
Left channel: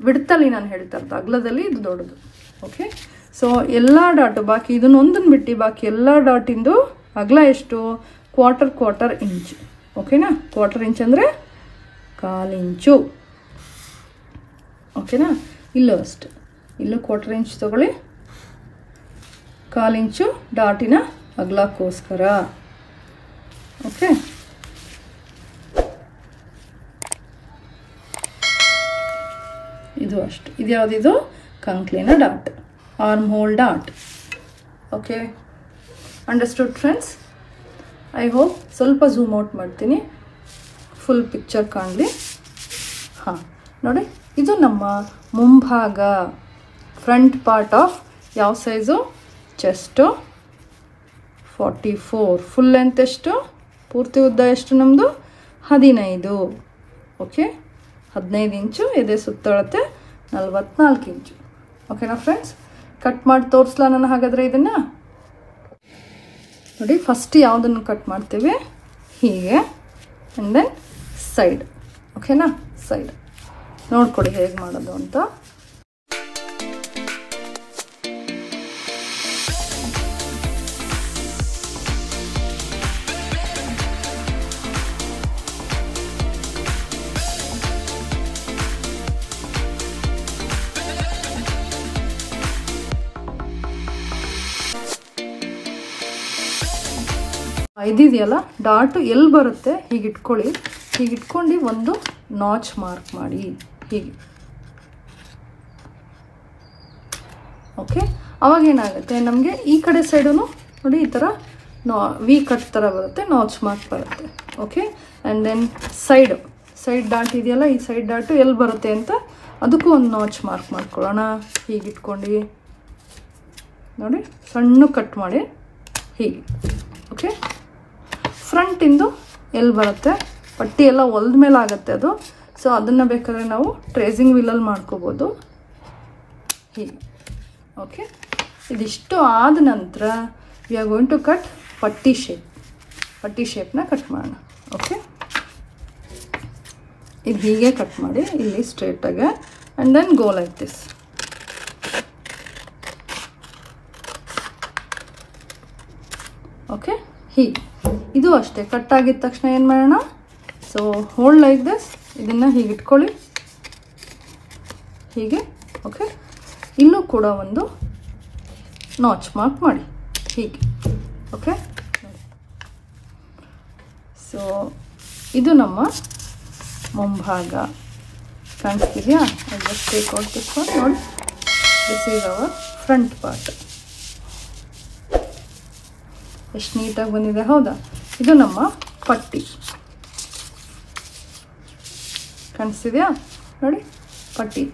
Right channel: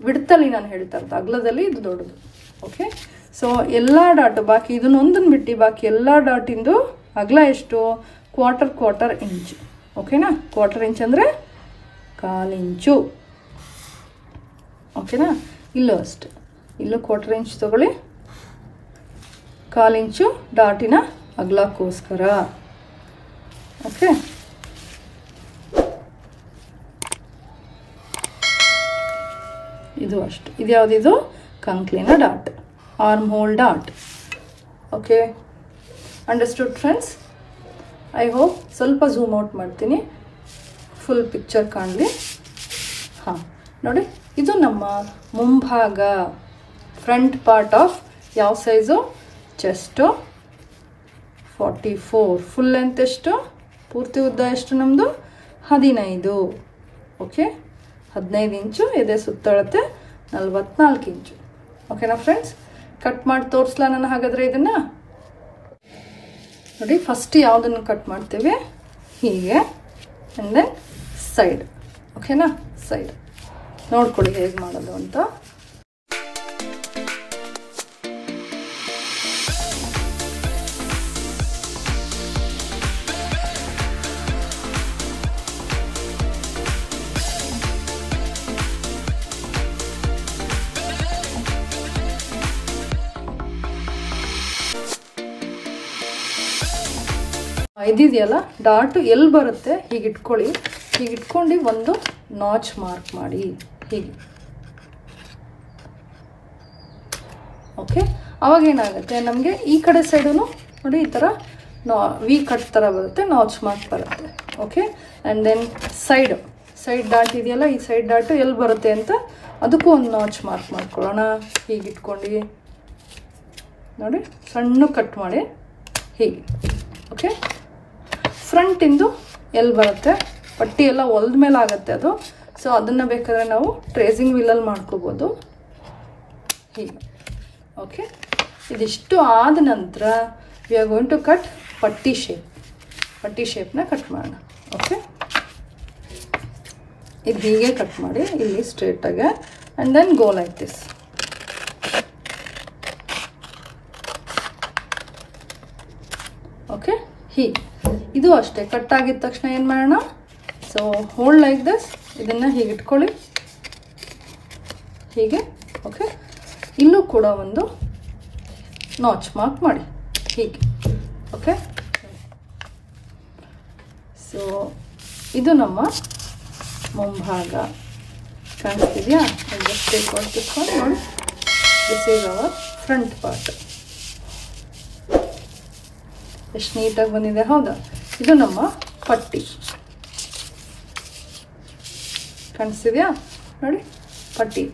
ಬಿಡ್ತಲ್ಲಿ ನಾನು ಹೇಳ್ತಾ ಇರೋದು, ಅಗ್ಲದಲ್ಲಿ ಇದು ದೊಡ್ಡದು. ಓಕೆ, ಸೊ ಎಲ್ಲ ಡಾಟು ಬಾಕಿ ಇದನ್ನೊಂದನ್ನು ಬಿಟ್ಟು ಬಾಕಿ ಎಲ್ಲ ಡಾಟಿಂದು ಅಗಲ ಎಷ್ಟು? ಕ್ವಾರ್ಟರ್ ಇಂಚು. ಓಕೆನಾ? ಕ್ವಾರ್ಟರ್ ಇಂಚ್ ಅಂದರೆ 1/4 ಇಂಚು. ಓಕೆನಾ? ಇಲ್ಲೂ ಅಷ್ಟೆ, ಇಲ್ಲೂ ಕ್ವಾರ್ಟರ್ ಇಂಚ್ ತಗೊಳ್ಳಿ. 1/4 ಇಂಚು ಡಾಟಿನ ಅಗಲಕ್ಕೋಸ್ಕರ. ಓಕೆ, ಇದು ಅಷ್ಟು. ಇದು ಯಾವುದಿದು? ಕಂಕ್ಲಿನ dot, arm hole dot. Okay, understood friends? I hope. ಸ್ವಲ್ಪ ಝೂಮ್ ಔಟ್ ಮಾಡ್ತೀನಿ, ಫುಲ್ ಪಿಕ್ಚರ್ ಕಾಣಲಿ. ಹಾಂ, ನೋಡಿ, ಇದು ನಮ್ಮ ಮುಂಭಾಗ, ಫ್ರಂಟ್ ಪಾರ್ಟ್ ಆಫ್ ಯಾವ ಸೈಜು? ಚೆಸ್ಟು 44. ಫುಲ್ ಲೆಂತ್ ಎಷ್ಟು? ಪೂರ್ತಿ ಉದ್ದ ಎಷ್ಟು ನಮ್ಮದು? 15. Okay, 15 inch. ಎದೆ ಸುತ್ತಳತೆ 44 ಇಂಚು. ಓಕೆನಾ ಫ್ರೆಂಡ್ಸ್? ಕಟ್ ಮಾಡಿ ತೋರಿಸ್ಲಾ ನಾನು ಹಾಗಾದರೆ ಇದನ್ನು? ನೋಡಿ, ಫಸ್ಟ್ ಯಾವುದನ್ನು ಕಟ್ ಮಾಡ್ತೇವೆ? ಹೀಗೆ, ಆ್ಯಂಡ್ ದೆನ್ ಸೈಡ್. ಓಕೆನಾ? ಸೈಡ್ ನೋಡ್ಕೊಳ್ಳಿ ಹೇಗೆ ಮಾಡೋದು ಅಂತ. ಇದಿದೆಯಲ್ಲ ಡಾಟ್ ಎಲ್ಲಿ ಬರುತ್ತೆ ಹೀಗೆ ಇಟ್ಕೊಳ್ಳಿ. ಹೀಗೆ ಇಟ್ಕೊಂಡು ಒಂದು ನಾಚ್ ಮಾರ್ಕ್ ಮಾಡಿ ಹೀಗೆ. ಓಕೆ, ಅವಾಗ ಏನಾಗುತ್ತೆ ನಮಗೆ ಈ ಕಡೆ ಸೈಡು ನೋಡಿ ಈ ಥರ ವಿ ಕಟ್ ಥರ ಬರುತ್ತೆ, ನಾಚ್ ಮಾರ್ಕ್ ಬರುತ್ತೆ. Okay, and then side dot ಇದೆಯಲ್ಲ, ಈ ಸೈಡ್ ಡಾಟು ಎಲ್ಲಿ ಬರುತ್ತೆ ಅಂತ ಅದಕ್ಕೂ ಒಂದು ನಾಚ್ ಮಾರ್ಕ್ ಮಾಡ್ಕೊಳ್ಳೋಣ. ಹೀಗೆ ಇಟ್ಕೊಂಡು ನೋಡಿ ಸಣ್ಣ ಕಟ್ ಮಾಡಿ ಹೀಗೆ. ಓಕೆ, ಫ್ರಂಟಿಂದು ಎಲ್ಲಿ ಬರುತ್ತೆ? ಪಟ್ಟಿ ಎಲ್ಲ ಹೊಲ್ದ ಮೇಲೆ ಆಗುತ್ತೆ ಅದು. ಸೊ ಅದನ್ನು ಬೇಕಾದ್ರೆ ನಾವು ಟ್ರೇಸಿಂಗ್ ವೀಲಲ್ಲಿ ಮಾಡ್ಕೋಬೋದು ಹೀಗೆ. ಓಕೆ, ಇದಿಷ್ಟು ಆದ ನಂತರ we are going to cut ಪಟ್ಟಿ ಶೇಪ್ನ ಕಟ್ ಮಾಡೋಣ. ಓಕೆ, ಇದು ಹೀಗೆ ಕಟ್ ಮಾಡಿ ಇಲ್ಲಿ ಸ್ಟ್ರೇಟಾಗೆ, and then go like this. ಅಷ್ಟೇ ಕಟ್ ಆಗಿದ ತಕ್ಷಣ ಏನು ಮಾಡೋಣ, ಸೊ ಹೋಲ್ಡ್ ಲೈಕ್ ದಿಸ್, ಇದನ್ನು ಹೀಗೆ ಇಟ್ಕೊಳ್ಳಿ ಹೀಗೆ. ಓಕೆ, ಇಲ್ಲೂ ಕೂಡ ಒಂದು ನಾಚ್ ಮಾರ್ಕ್ ಮಾಡಿ ಹೀಗೆ. ಓಕೆ, ಸೊ ಇದು ನಮ್ಮ ಮುಂಭಾಗ ಕಾಣಿಸ್ತಿದೆಯಾ? Just take out this one, ನೋಡಿ, this is our front part. ಎಷ್ಟು ನೀಟಾಗಿ ಬಂದಿದೆ, ಹೌದಾ? ಇದು ನಮ್ಮ ಪಟ್ಟಿ ಕಾಣಿಸ್ತಿದೆಯಾ? ನೋಡಿ ಪಟ್ಟಿ.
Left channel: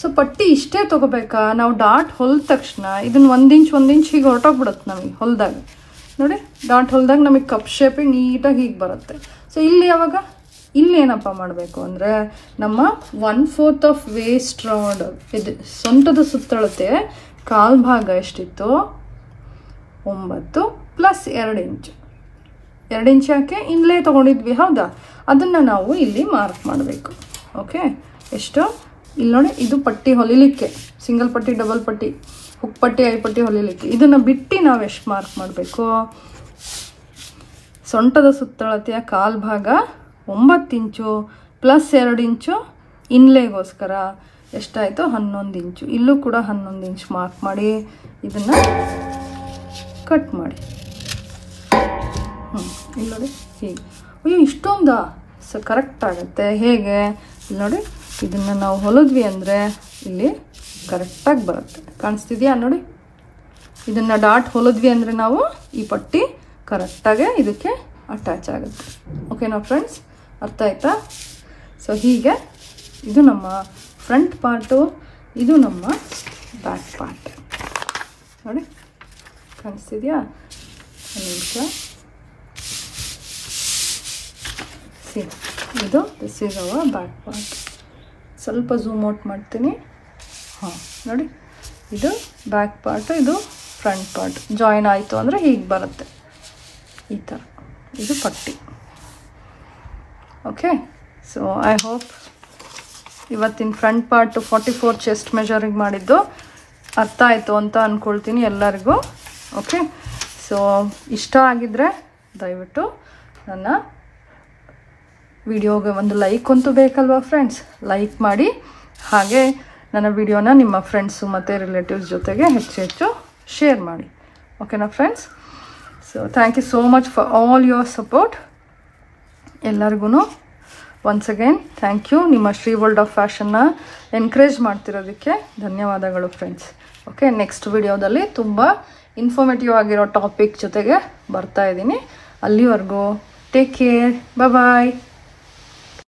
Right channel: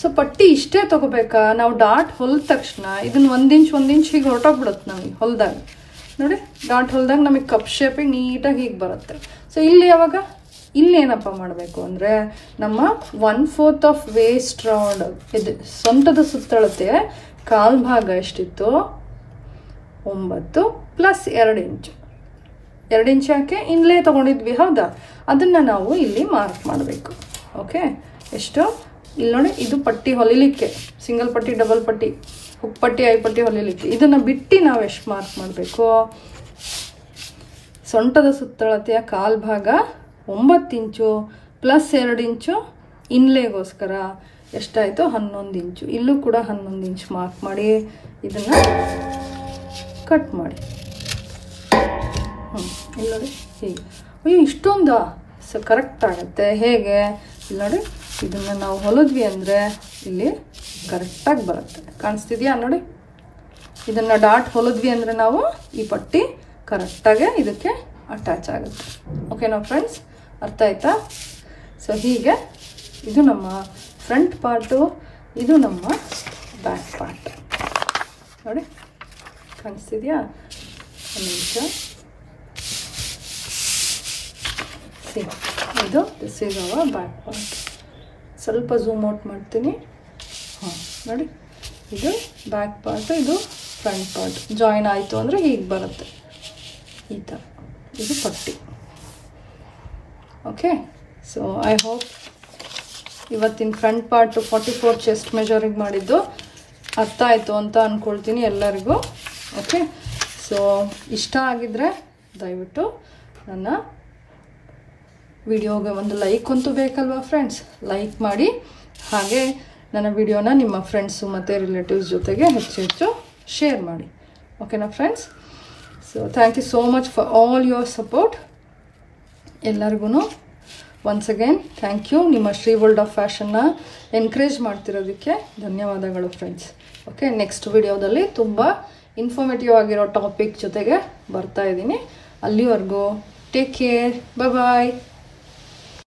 ಸೊ ಪಟ್ಟಿ ಇಷ್ಟೇ ತಗೋಬೇಕಾ? ನಾವು ಡಾಟ್ ಹೊಲ್ದ ತಕ್ಷಣ ಇದನ್ನ ಒಂದ್ ಇಂಚ್ ಹೀಗೆ ಹೊರಟೋಗ್ಬಿಡುತ್ತೆ ನಮಗೆ ಹೊಲ್ದಾಗ. ನೋಡಿ, ಡಾಟ್ ಹೊಲ್ದಾಗ ನಮಗೆ ಕಪ್ ಶೇಪಿಗೆ ನೀಟಾಗಿ ಹೀಗೆ ಬರುತ್ತೆ. ಸೊ ಇಲ್ಲಿ ಯಾವಾಗ ಇಲ್ಲಿ ಏನಪ್ಪ ಮಾಡಬೇಕು ಅಂದರೆ, ನಮ್ಮ 1/4 ಆಫ್ ವೇಸ್ಟ್ ರೌಂಡ್ ಇದು ಸೊಂಟದ ಸುತ್ತಳತೆ ಕಾಲ್ ಭಾಗ ಎಷ್ಟಿತ್ತು? 9 ಪ್ಲಸ್ 2 ಇಂಚ್. 2 ಇಂಚ್ ಯಾಕೆ? ಇನ್ಲೇ ತಗೊಂಡಿದ್ವಿ, ಹೌದಾ? ಅದನ್ನ ನಾವು ಇಲ್ಲಿ ಮಾರ್ಕ್ ಮಾಡಬೇಕು. ಓಕೆ, ಎಷ್ಟು? ಇಲ್ಲಿ ನೋಡಿ, ಇದು ಪಟ್ಟಿ ಹೊಲಿಲಿಕ್ಕೆ, ಸಿಂಗಲ್ ಪಟ್ಟಿ, ಡಬಲ್ ಪಟ್ಟಿ, ಹುಕ್ ಪಟ್ಟಿ, ಐ ಪಟ್ಟಿ ಹೊಲಿಲಿಕ್ಕೆ. ಇದನ್ನ ಬಿಟ್ಟು ನಾವು ಎಷ್ಟು ಮಾರ್ಕ್ ಮಾಡಬೇಕು? ಸೊಂಟದ ಸುತ್ತಳತೆಯ ಕಾಲ್ ಭಾಗ 9 ಇಂಚು ಪ್ಲಸ್ 2 ಇಂಚು ಇನ್ಲೇಗೋಸ್ಕರ ಎಷ್ಟಾಯಿತು? 11 ಇಂಚು. ಇಲ್ಲೂ ಕೂಡ 11 ಇಂಚ್ ಮಾರ್ಕ್ ಮಾಡಿ ಇದನ್ನ ಕಟ್ ಮಾಡಿ. ಇಲ್ಲಿ ನೋಡಿ ಹೀಗೆ. ಅಯ್ಯೋ, ಇಷ್ಟೊಂದಾ? ಸೊ ಕರೆಕ್ಟ್ ಆಗುತ್ತೆ. ಹೇಗೆ? ಇಲ್ಲಿ ನೋಡಿ, ಇದನ್ನು ನಾವು ಹೊಲಿದ್ವಿ ಅಂದರೆ ಇಲ್ಲಿ ಕರೆಕ್ಟಾಗಿ ಬರುತ್ತೆ. ಕಾಣಿಸ್ತಿದೆಯಾ? ನೋಡಿ, ಇದನ್ನು ಡಾಟ್ ಹೊಲಿದ್ವಿ ಅಂದರೆ ನಾವು ಈ ಪಟ್ಟಿ ಕರೆಕ್ಟಾಗಿ ಇದಕ್ಕೆ ಅಟ್ಯಾಚ್ ಆಗುತ್ತೆ. ಓಕೆನಾ ಫ್ರೆಂಡ್ಸ್? ಅರ್ಥ ಆಯ್ತಾ? ಸೊ ಹೀಗೆ ಇದು ನಮ್ಮ ಫ್ರಂಟ್ ಪಾರ್ಟು, ಇದು ನಮ್ಮ ಬ್ಯಾಕ್ ಪಾರ್ಟ್. ನೋಡಿ, ಕಾಣಿಸ್ತಿದೆಯಾ? ಒಂದು ನಿಮಿಷ. ಇದು this is hour back part. ಸ್ವಲ್ಪ ಝೂಮ್ ಔಟ್ ಮಾಡ್ತೀನಿ. ಹಾಂ, ನೋಡಿ, ಇದು ಬ್ಯಾಕ್ ಪಾರ್ಟು, ಇದು ಫ್ರಂಟ್ ಪಾರ್ಟ್. ಜಾಯಿನ್ ಆಯಿತು ಅಂದರೆ ಹೀಗೆ ಬರುತ್ತೆ, ಈ ಥರ. ಇದು ಪಟ್ಟಿ. ಓಕೆ, ಸೊ ಐ ಹೋಪ್ ಇವತ್ತಿನ ಫ್ರಂಟ್ ಪಾರ್ಟು 44 ಚೆಸ್ಟ್ ಮೆಜರಿಂಗ್ ಮಾಡಿದ್ದು ಅರ್ಥ ಆಯಿತು ಅಂತ ಅಂದ್ಕೊಳ್ತೀನಿ ಎಲ್ಲರಿಗೂ. ಓಕೆ, ಸೊ ಇಷ್ಟ ಆಗಿದ್ರೆ ದಯವಿಟ್ಟು ನನ್ನ ವಿಡಿಯೋಗೆ ಒಂದು ಲೈಕ್ ಅಂತೂ ಬೇಕಲ್ವಾ ಫ್ರೆಂಡ್ಸ್? ಲೈಕ್ ಮಾಡಿ, ಹಾಗೆ ನನ್ನ ವಿಡಿಯೋನ ನಿಮ್ಮ ಫ್ರೆಂಡ್ಸು ಮತ್ತು ರಿಲೇಟಿವ್ಸ್ ಜೊತೆಗೆ ಹೆಚ್ಚು ಶೇರ್ ಮಾಡಿ. ಓಕೆನಾ friends? So thank you so much for all your support. ಎಲ್ಲರಿಗೂ ಒನ್ಸ್ ಅಗೇನ್ ಥ್ಯಾಂಕ್ ಯು. ನಿಮ್ಮ ಶ್ರೀ ವರ್ಲ್ಡ್ ಆಫ್ ಫ್ಯಾಷನ್ನ ಎನ್ಕರೇಜ್ ಮಾಡ್ತಿರೋದಕ್ಕೆ ಧನ್ಯವಾದಗಳು ಫ್ರೆಂಡ್ಸ್. ಓಕೆ, ನೆಕ್ಸ್ಟ್ ವಿಡಿಯೋದಲ್ಲಿ ತುಂಬ ಇನ್ಫಾರ್ಮೇಟಿವ್ ಆಗಿರೋ ಟಾಪಿಕ್ ಜೊತೆಗೆ ಬರ್ತಾ ಇದ್ದೀನಿ. ಅಲ್ಲಿವರೆಗೂ ಟೇಕ್ ಕೇರ್, ಬಾಯ್.